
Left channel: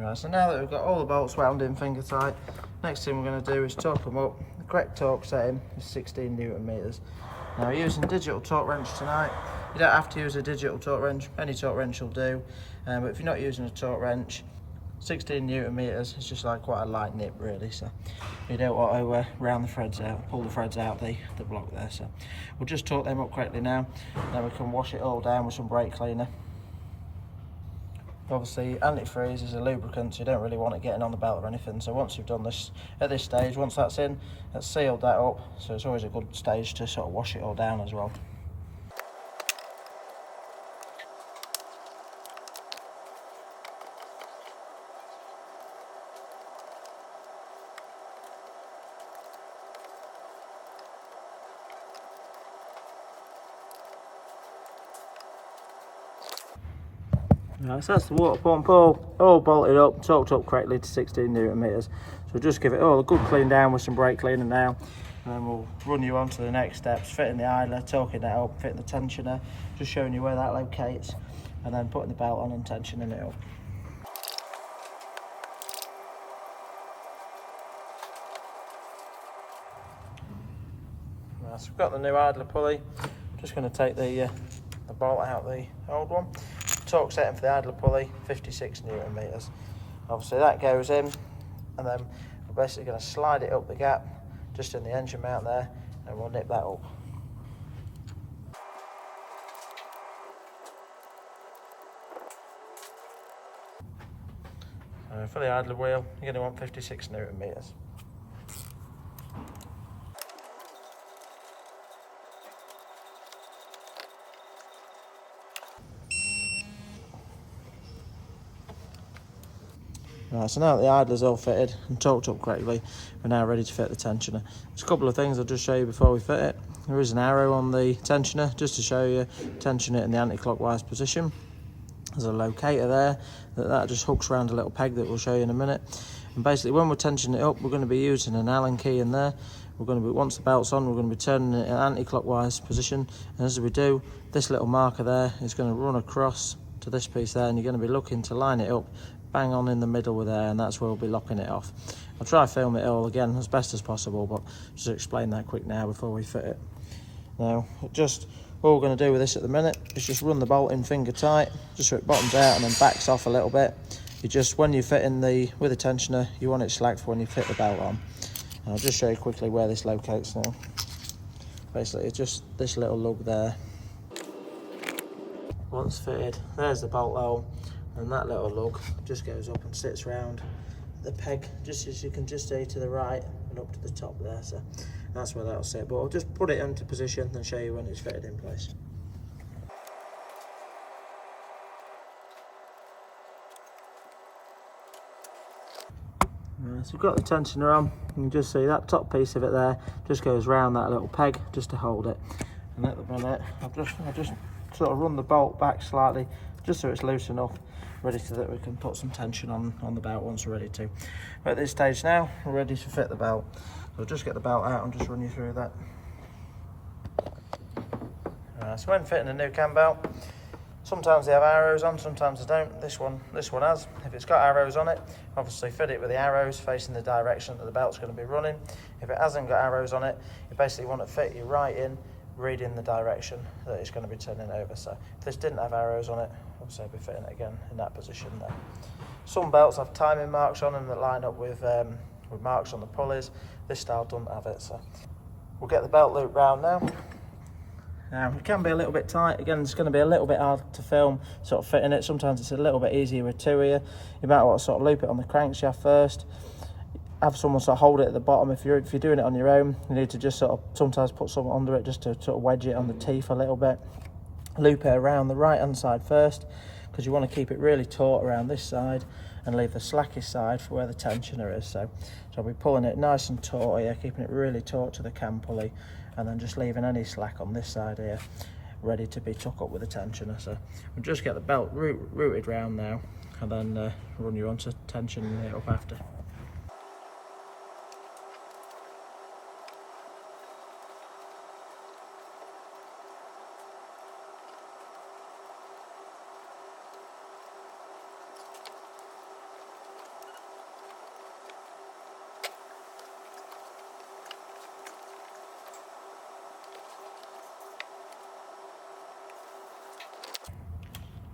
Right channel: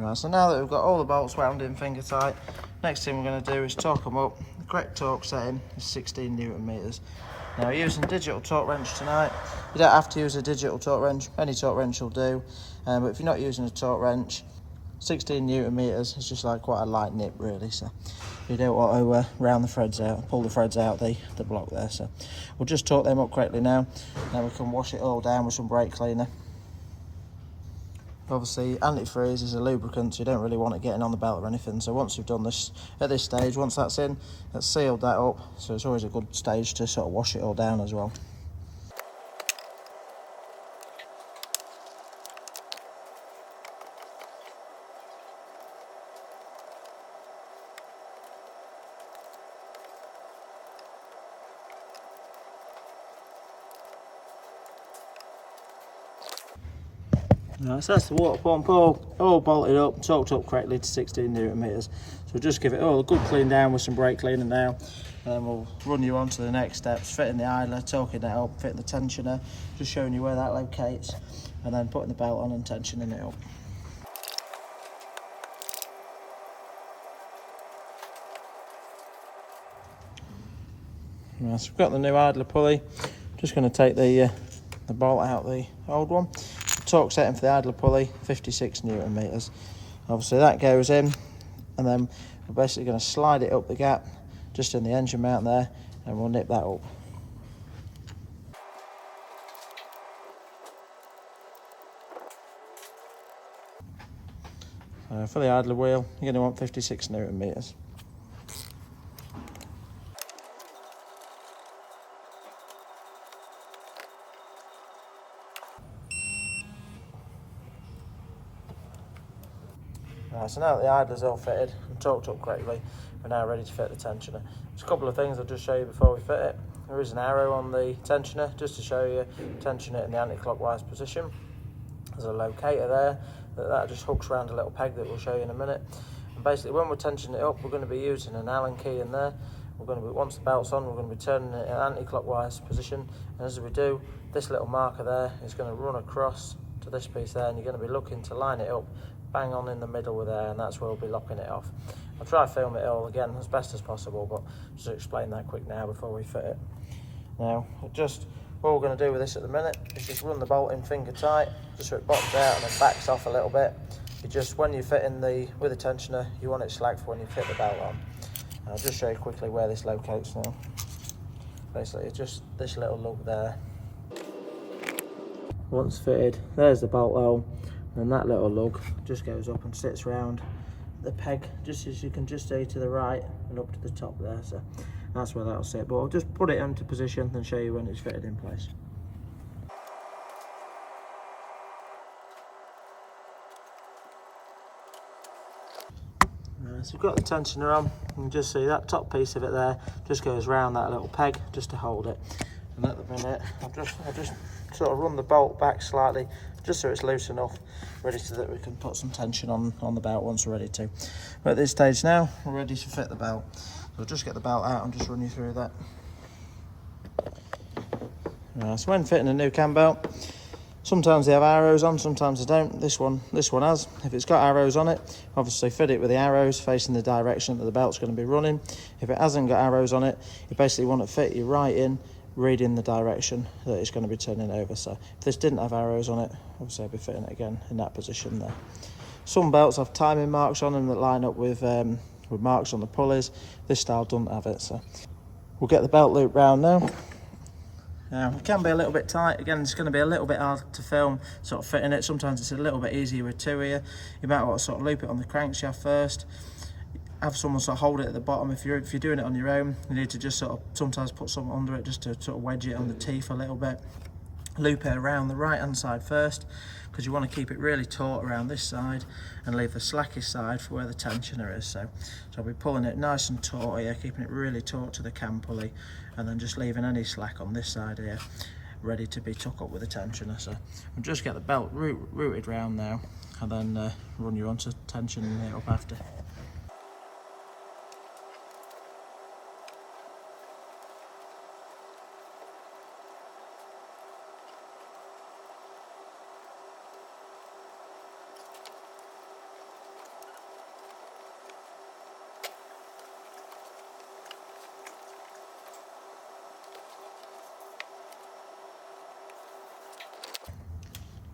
Right, so now that we've got all the bolts wound in finger tight, next thing we're going to do is torque them up. The correct torque setting is 16 Newton meters. Now we're using digital torque wrench tonight. You don't have to use a digital torque wrench, any torque wrench will do, but if you're not using a torque wrench, 16 Newton meters is just like quite a light nip really, so you don't want to round the threads out, pull the threads out the block there. So we'll just torque them up correctly now. Now we can wash it all down with some brake cleaner. Obviously antifreeze is a lubricant, so you don't really want it getting on the belt or anything. So once you've done this at this stage, once that's in, that's sealed that up, so it's always a good stage to sort of wash it all down as well. Right, so that's the water pump all bolted up, torqued up correctly to 16 Newton meters. So just give it all a good clean down with some brake cleaner now, and then we'll run you on to the next steps: fitting the idler, torquing that up, fitting the tensioner, just showing you where that locates, and then putting the belt on and tensioning it up. Right, so we've got the new idler pulley. Just going to take the bolt out the old one. Torque setting for the idler pulley, 56 Newton meters. Obviously that goes in, and then we're basically going to slide it up the gap just in the engine mount there, and we'll nip that up. For the idler wheel, you're going to want 56 Newton meters. Right, so now that the idler's all fitted and torqued up correctly, we're now ready to fit the tensioner. There's a couple of things I'll just show you before we fit it. There is an arrow on the tensioner just to show you tension it in the anti-clockwise position. There's a locator there that just hooks around a little peg that we'll show you in a minute. And basically when we're tensioning it up, we're going to be using an Allen key in there. We're going to be, once the belt's on, we're going to be turning it in an anti-clockwise position, and as we do, this little marker there is going to run across to this piece there, and you're going to be looking to line it up bang on in the middle there, and that's where we'll be locking it off. I'll try to film it all again as best as possible, but just to explain that quick now before we fit it. Now, all we're going to do with this at the minute is just run the bolt in finger tight, just so it bottoms out and then backs off a little bit. When you're fitting with the tensioner, you want it slack for when you fit the belt on. And I'll just show you quickly where this locates now. Basically, it's just this little lug there. Once fitted, there's the bolt hole, and that little lug just goes up and sits round the peg, just as you can just see to the right and up to the top there. So that's where that'll sit, but I'll just put it into position and show you when it's fitted in place. So we've got the tensioner on, you can just see that top piece of it there just goes round that little peg just to hold it. And at the minute I'll just sort of run the bolt back slightly just so it's loose enough, ready so that we can put some tension on the belt once we're ready to. But at this stage now, we're ready to fit the belt. I'll just get the belt out and just run you through that. So when fitting a new cam belt, sometimes they have arrows on, sometimes they don't. This one has. If it's got arrows on it, obviously fit it with the arrows facing the direction that the belt's going to be running. If it hasn't got arrows on it, you basically want to fit you right in, reading the direction that it's going to be turning over. So if this didn't have arrows on it, obviously I'll be fitting it again in that position there. Some belts have timing marks on them that line up with marks on the pulleys. This style doesn't have it, so we'll get the belt loop round now. Now it can be a little bit tight. Again, it's going to be a little bit hard to film sort of fitting it. Sometimes it's a little bit easier with two here. You might want to sort of loop it on the crankshaft first. Have someone sort of hold it at the bottom. If you're doing it on your own, you need to just sort of sometimes put something under it just to sort of wedge it on the teeth a little bit. Loop it around the right hand side first, because you want to keep it really taut around this side and leave the slackest side for where the tensioner is. So I'll be pulling it nice and taut here, keeping it really taut to the cam pulley, and then just leaving any slack on this side here ready to be tucked up with the tensioner. So we'll just get the belt routed round now, and then run you onto tensioning it up after.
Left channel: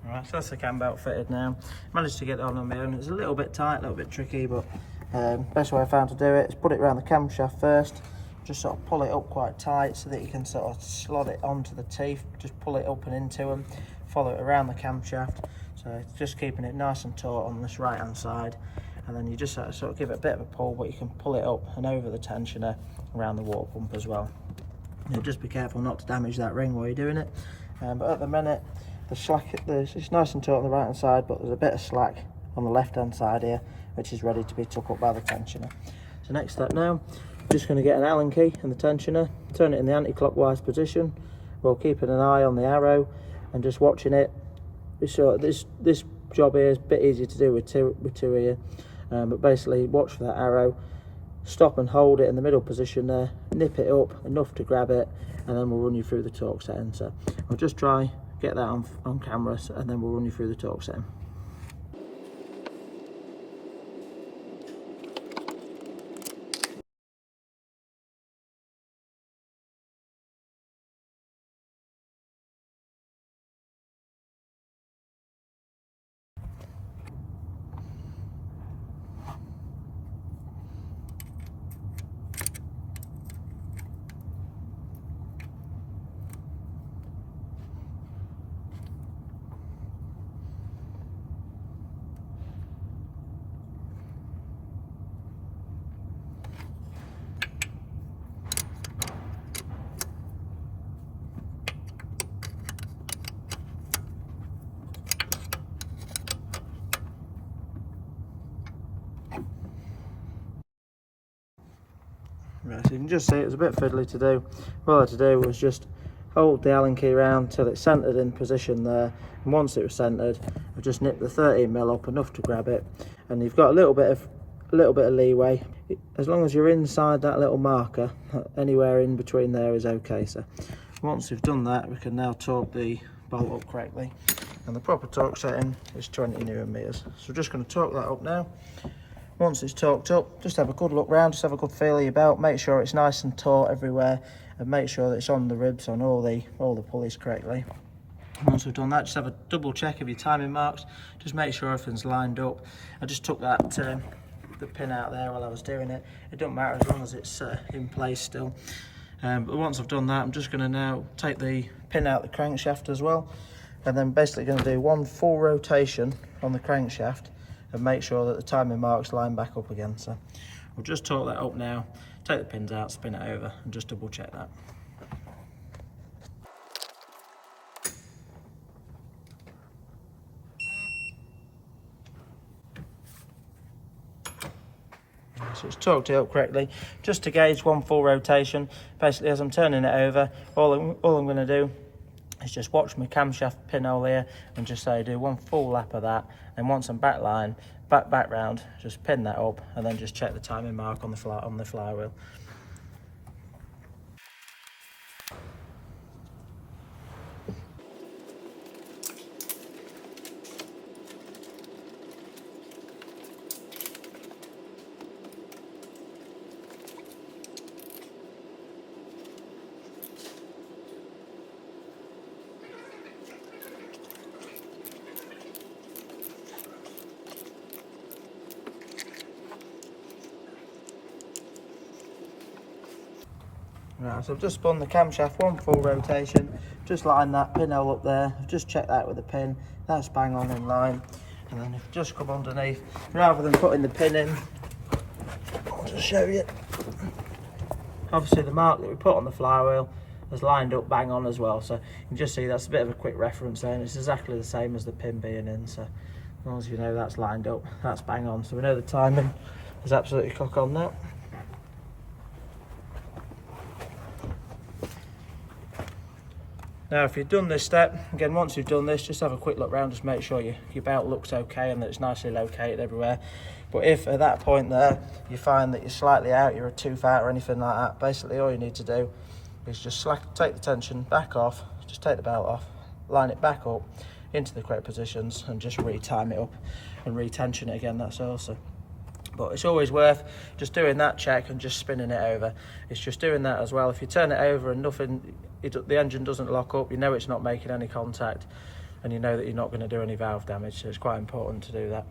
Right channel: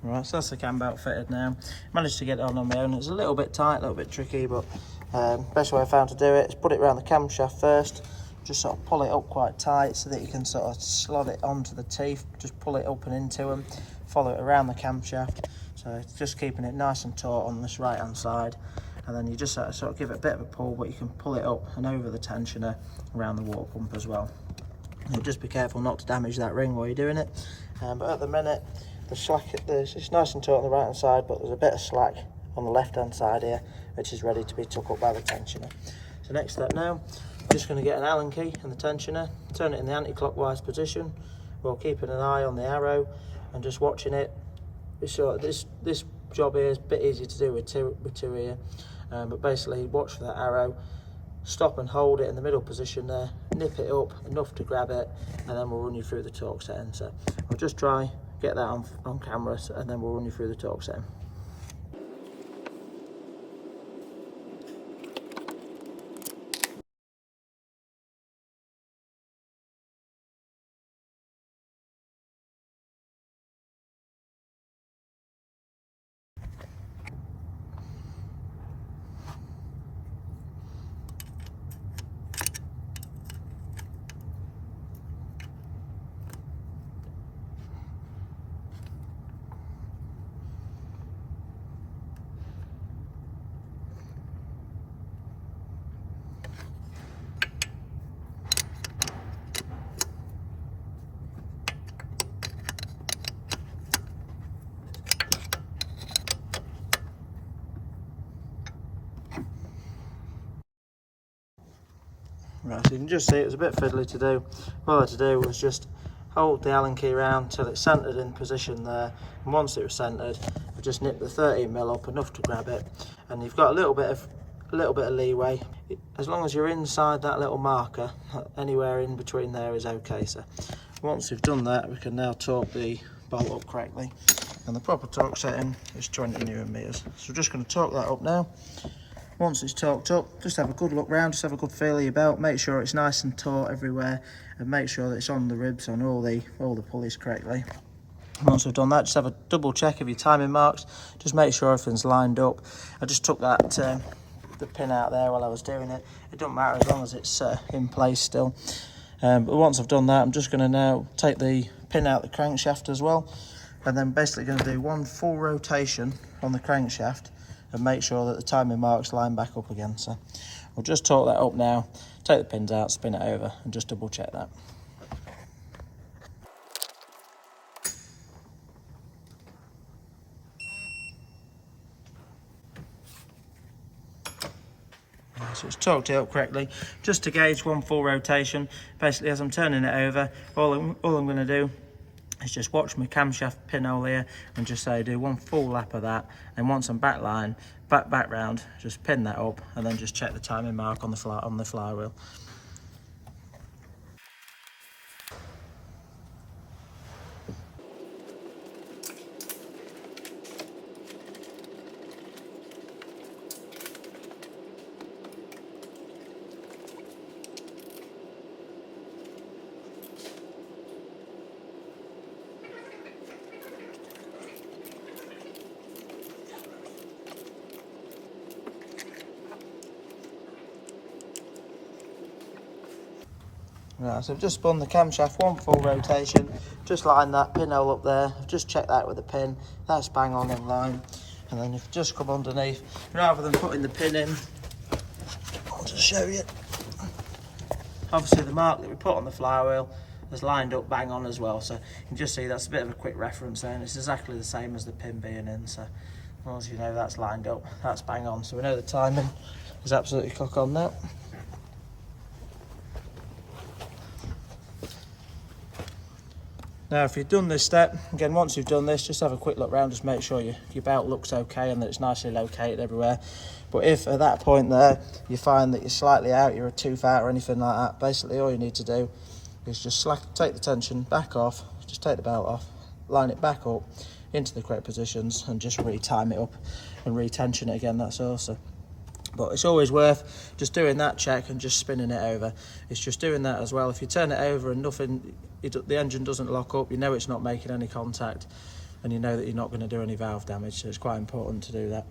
Right, so that's the cam belt fitted now. Managed to get it on my own. It's a little bit tight, a little bit tricky, but best way I found to do it is put it around the camshaft first, just sort of pull it up quite tight so that you can sort of slot it onto the teeth, just pull it up and into them, follow it around the camshaft. So it's just keeping it nice and taut on this right hand side, and then you just sort of give it a bit of a pull, but you can pull it up and over the tensioner around the water pump as well. Now just be careful not to damage that ring while you're doing it. But at the minute, the slack, it's nice and taut on the right hand side, but there's a bit of slack on the left hand side here, which is ready to be took up by the tensioner. So next step now, just going to get an Allen key and the tensioner, turn it in the anti-clockwise position while keeping an eye on the arrow and just watching it. So this job here is a bit easier to do with two here, but basically watch for that arrow, stop and hold it in the middle position there, nip it up enough to grab it, and then we'll run you through the torque setting. So I'll just try get that on camera, and then we'll run you through the torque setting. Right, so you can just see it was a bit fiddly to do. All I had to do was just hold the Allen key around till it's centered in position there, and once it was centered, I just nipped the 13mm up enough to grab it, and you've got a little bit of leeway. As long as you're inside that little marker, anywhere in between there is okay. So once we've done that, we can now torque the bolt up correctly, and the proper torque setting is 20 Newton meters. So we're just going to torque that up now. Once it's torqued up, just have a good look round, just have a good feel of your belt, make sure it's nice and taut everywhere, and make sure that it's on the ribs on all the pulleys correctly. Once we've done that, just have a double check of your timing marks, just make sure everything's lined up. I just took that the pin out there while I was doing it. It doesn't matter as long as it's in place still. But once I've done that, I'm just going to now take the pin out the crankshaft as well, and then basically going to do one full rotation on the crankshaft and make sure that the timing marks line back up again. So we'll just torque that up now, take the pins out, spin it over, and just double check that. So it's torqued it up correctly, just to gauge one full rotation. Basically, as I'm turning it over, all I'm going to do is just watch my camshaft pinhole here and just say do one full lap of that, and once I'm back round, just pin that up and then just check the timing mark on the flywheel. Right, so I've just spun the camshaft one full rotation, just line that pinhole up there. I've just checked that with the pin, that's bang on in line. And then if you just come underneath, rather than putting the pin in, I'll just show you. Obviously the mark that we put on the flywheel has lined up bang on as well, so you can just see that's a bit of a quick reference there, and it's exactly the same as the pin being in. So as long as you know that's lined up, that's bang on. So we know the timing is absolutely cock on now. Now if you've done this step, again once you've done this, just have a quick look around, just make sure your belt looks okay and that it's nicely located everywhere. But if at that point there you find that you're slightly out, you're a tooth out or anything like that, basically all you need to do is just take the tension back off, just take the belt off, line it back up into the correct positions and just re-time it up and re-tension it again, that's all. So, but it's always worth just doing that check and just spinning it over. It's just doing that as well. If you turn it over and the engine doesn't lock up, you know it's not making any contact, and you know that you're not going to do any valve damage, so it's quite important to do that.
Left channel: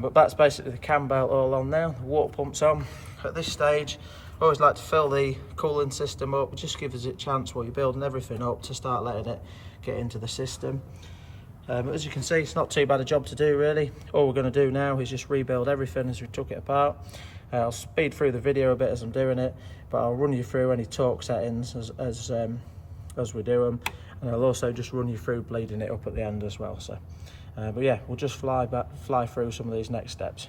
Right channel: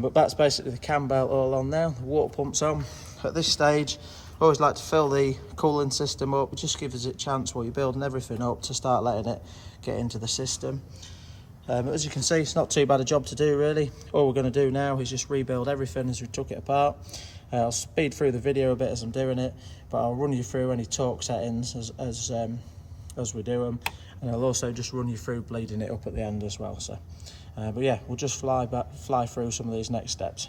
But that's basically the cam belt all on now. The water pump's on. At this stage, I always like to fill the cooling system up. It just gives it a chance while you're building everything up to start letting it get into the system. As you can see, it's not too bad a job to do really. All we're going to do now is just rebuild everything as we took it apart. I'll speed through the video a bit as I'm doing it, but I'll run you through any torque settings as we do them, and I'll also just run you through bleeding it up at the end as well. So, but yeah, we'll just fly through some of these next steps.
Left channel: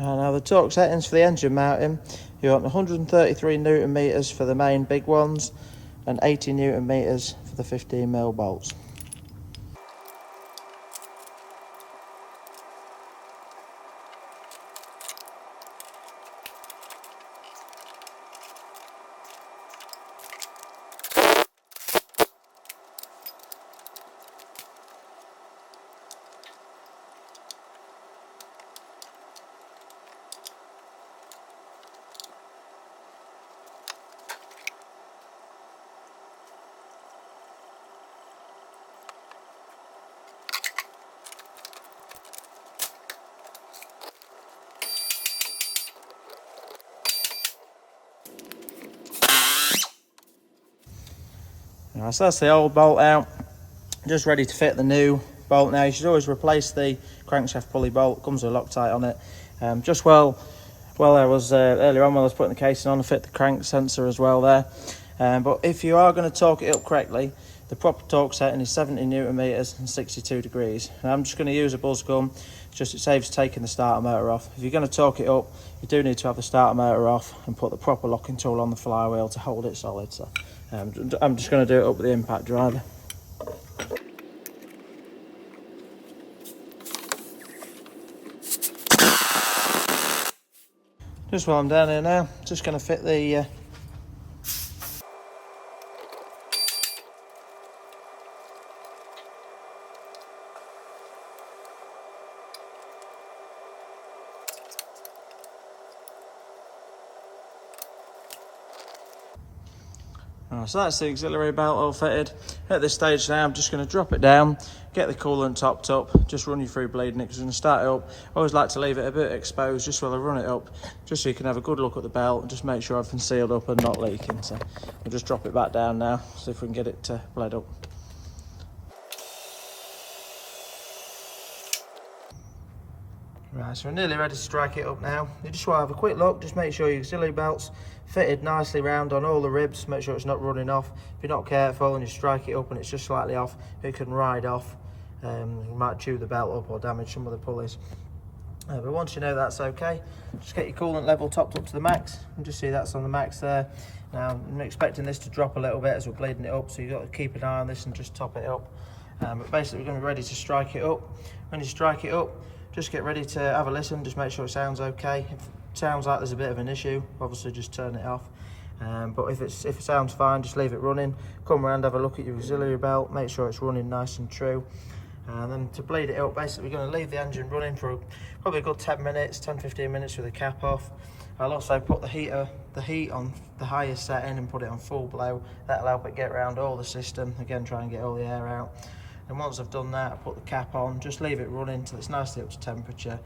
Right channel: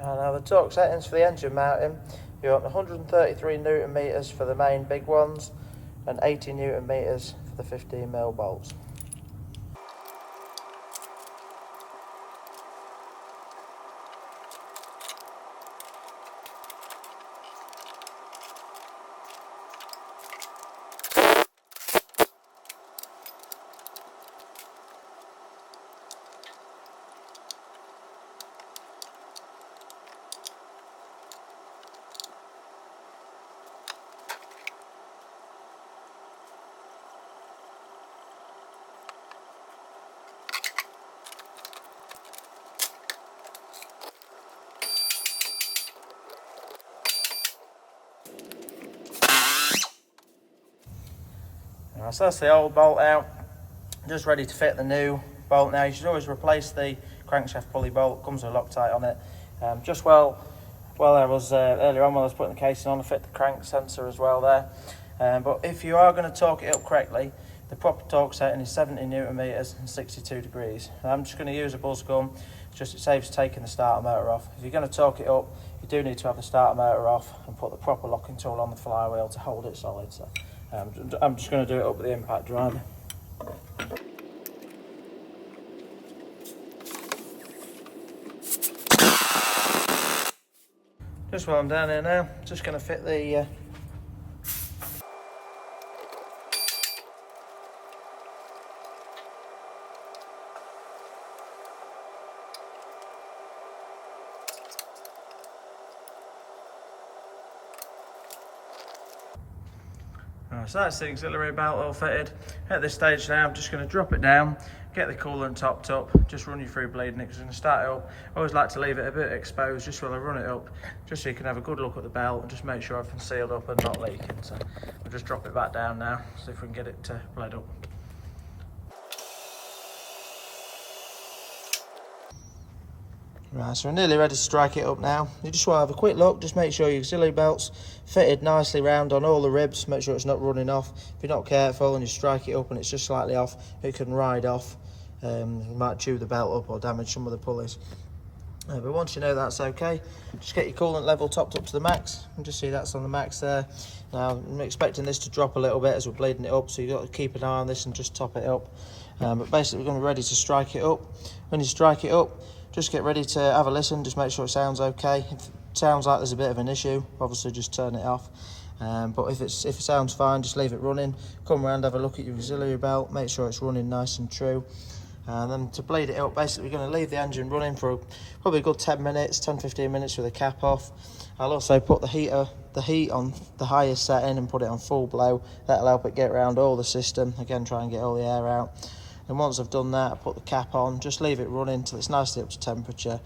Now the torque settings for the engine mounting, you want 133 Newton meters for the main big ones and 80 Newton meters for the 15mm bolts. So that's the old bolt out, just ready to fit the new bolt. Now you should always replace the crankshaft pulley bolt, comes with a Loctite on it. Just well I was earlier on when I was putting the casing on, to fit the crank sensor as well there. But if you are going to torque it up correctly, the proper torque setting is 70 Newton meters and 62 degrees. And I'm just going to use a buzz gun, just it saves taking the starter motor off. If you're going to torque it up, you do need to have the starter motor off and put the proper locking tool on the flywheel to hold it solid. So I'm just going to do it up with the impact driver. Just while I'm down here now, just going to fit the so that's the auxiliary belt all fitted. At this stage now, I'm just going to drop it down, get the coolant topped up, just run you through bleeding it, because I'm going to start it up. I always like to leave it a bit exposed just while I run it up, just so you can have a good look at the belt and just make sure everything's sealed up and not leaking. So I'll just drop it back down now, see if we can get it bled up. Right, so we're nearly ready to strike it up now. You just want to have a quick look, just make sure your auxiliary belt's fitted nicely round on all the ribs, make sure it's not running off. If you're not careful and you strike it up and it's just slightly off, it can ride off. You might chew the belt up or damage some of the pulleys. But once you know that's okay, just get your coolant level topped up to the max, and just see that's on the max there. Now I'm expecting this to drop a little bit as we're bleeding it up, so you've got to keep an eye on this and just top it up. But basically we're going to be ready to strike it up. When you strike it up, just get ready to have a listen, just make sure it sounds okay. If it sounds like there's a bit of an issue, obviously just turn it off. But if it sounds fine, just leave it running. Come around, have a look at your auxiliary belt, make sure it's running nice and true. And then to bleed it up, basically we're going to leave the engine running for probably a good 10 minutes, 10-15 minutes with the cap off. I'll also put the heat on the highest setting and put it on full blow. That'll help it get around all the system. Again, try and get all the air out. And once I've done that, I put the cap on, just leave it running till it's nicely up to temperature.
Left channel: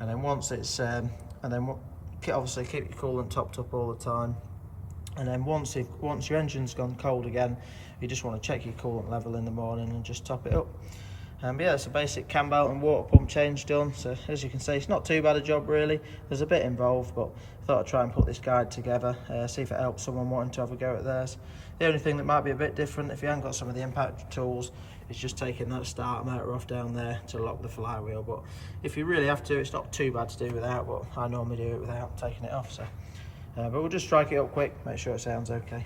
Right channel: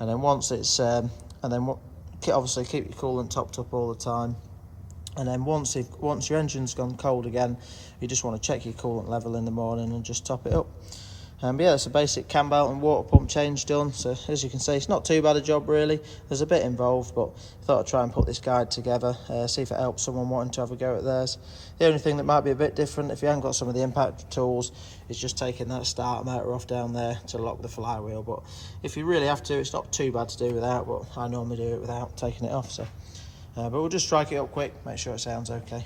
And then once it's, obviously keep your coolant topped up all the time. And then once your engine's gone cold again, you just want to check your coolant level in the morning and just top it up. But yeah, it's a basic cam belt and water pump change done. So as you can see, it's not too bad a job really. There's a bit involved, but I thought I'd try and put this guide together, see if it helps someone wanting to have a go at theirs. The only thing that might be a bit different if you haven't got some of the impact tools is just taking that starter motor off down there to lock the flywheel. But if you really have to, it's not too bad to do without, but I normally do it without taking it off. So, but we'll just strike it up quick, make sure it sounds okay.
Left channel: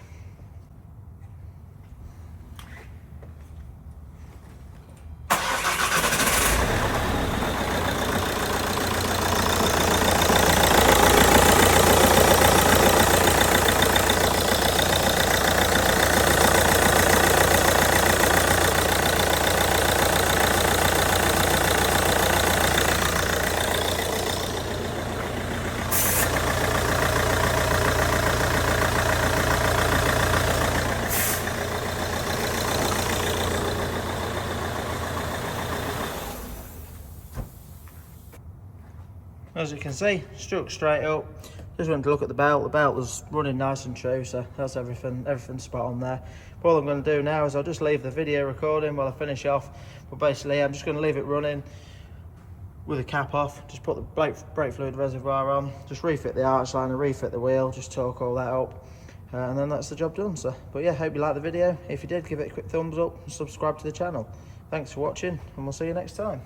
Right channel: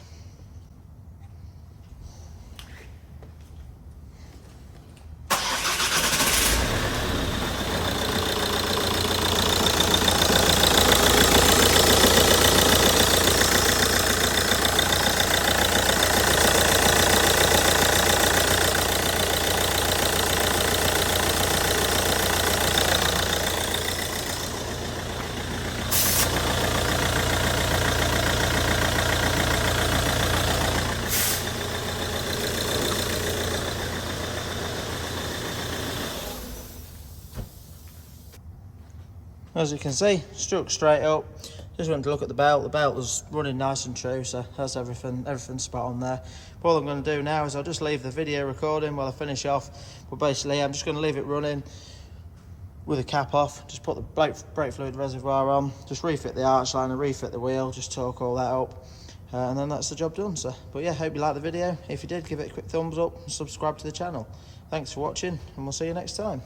As you can see, struck straight up. Just went to look at the belt. The belt was running nice and true, so that's everything's spot on there. But all I'm going to do now is I'll just leave the video recording while I finish off. But basically, I'm just going to leave it running with the cap off. Just put the brake fluid reservoir on. Just refit the arch liner, refit the wheel. Just torque all that up, and then that's the job done. So, but yeah, hope you liked the video. If you did, give it a quick thumbs up and subscribe to the channel. Thanks for watching, and we'll see you next time.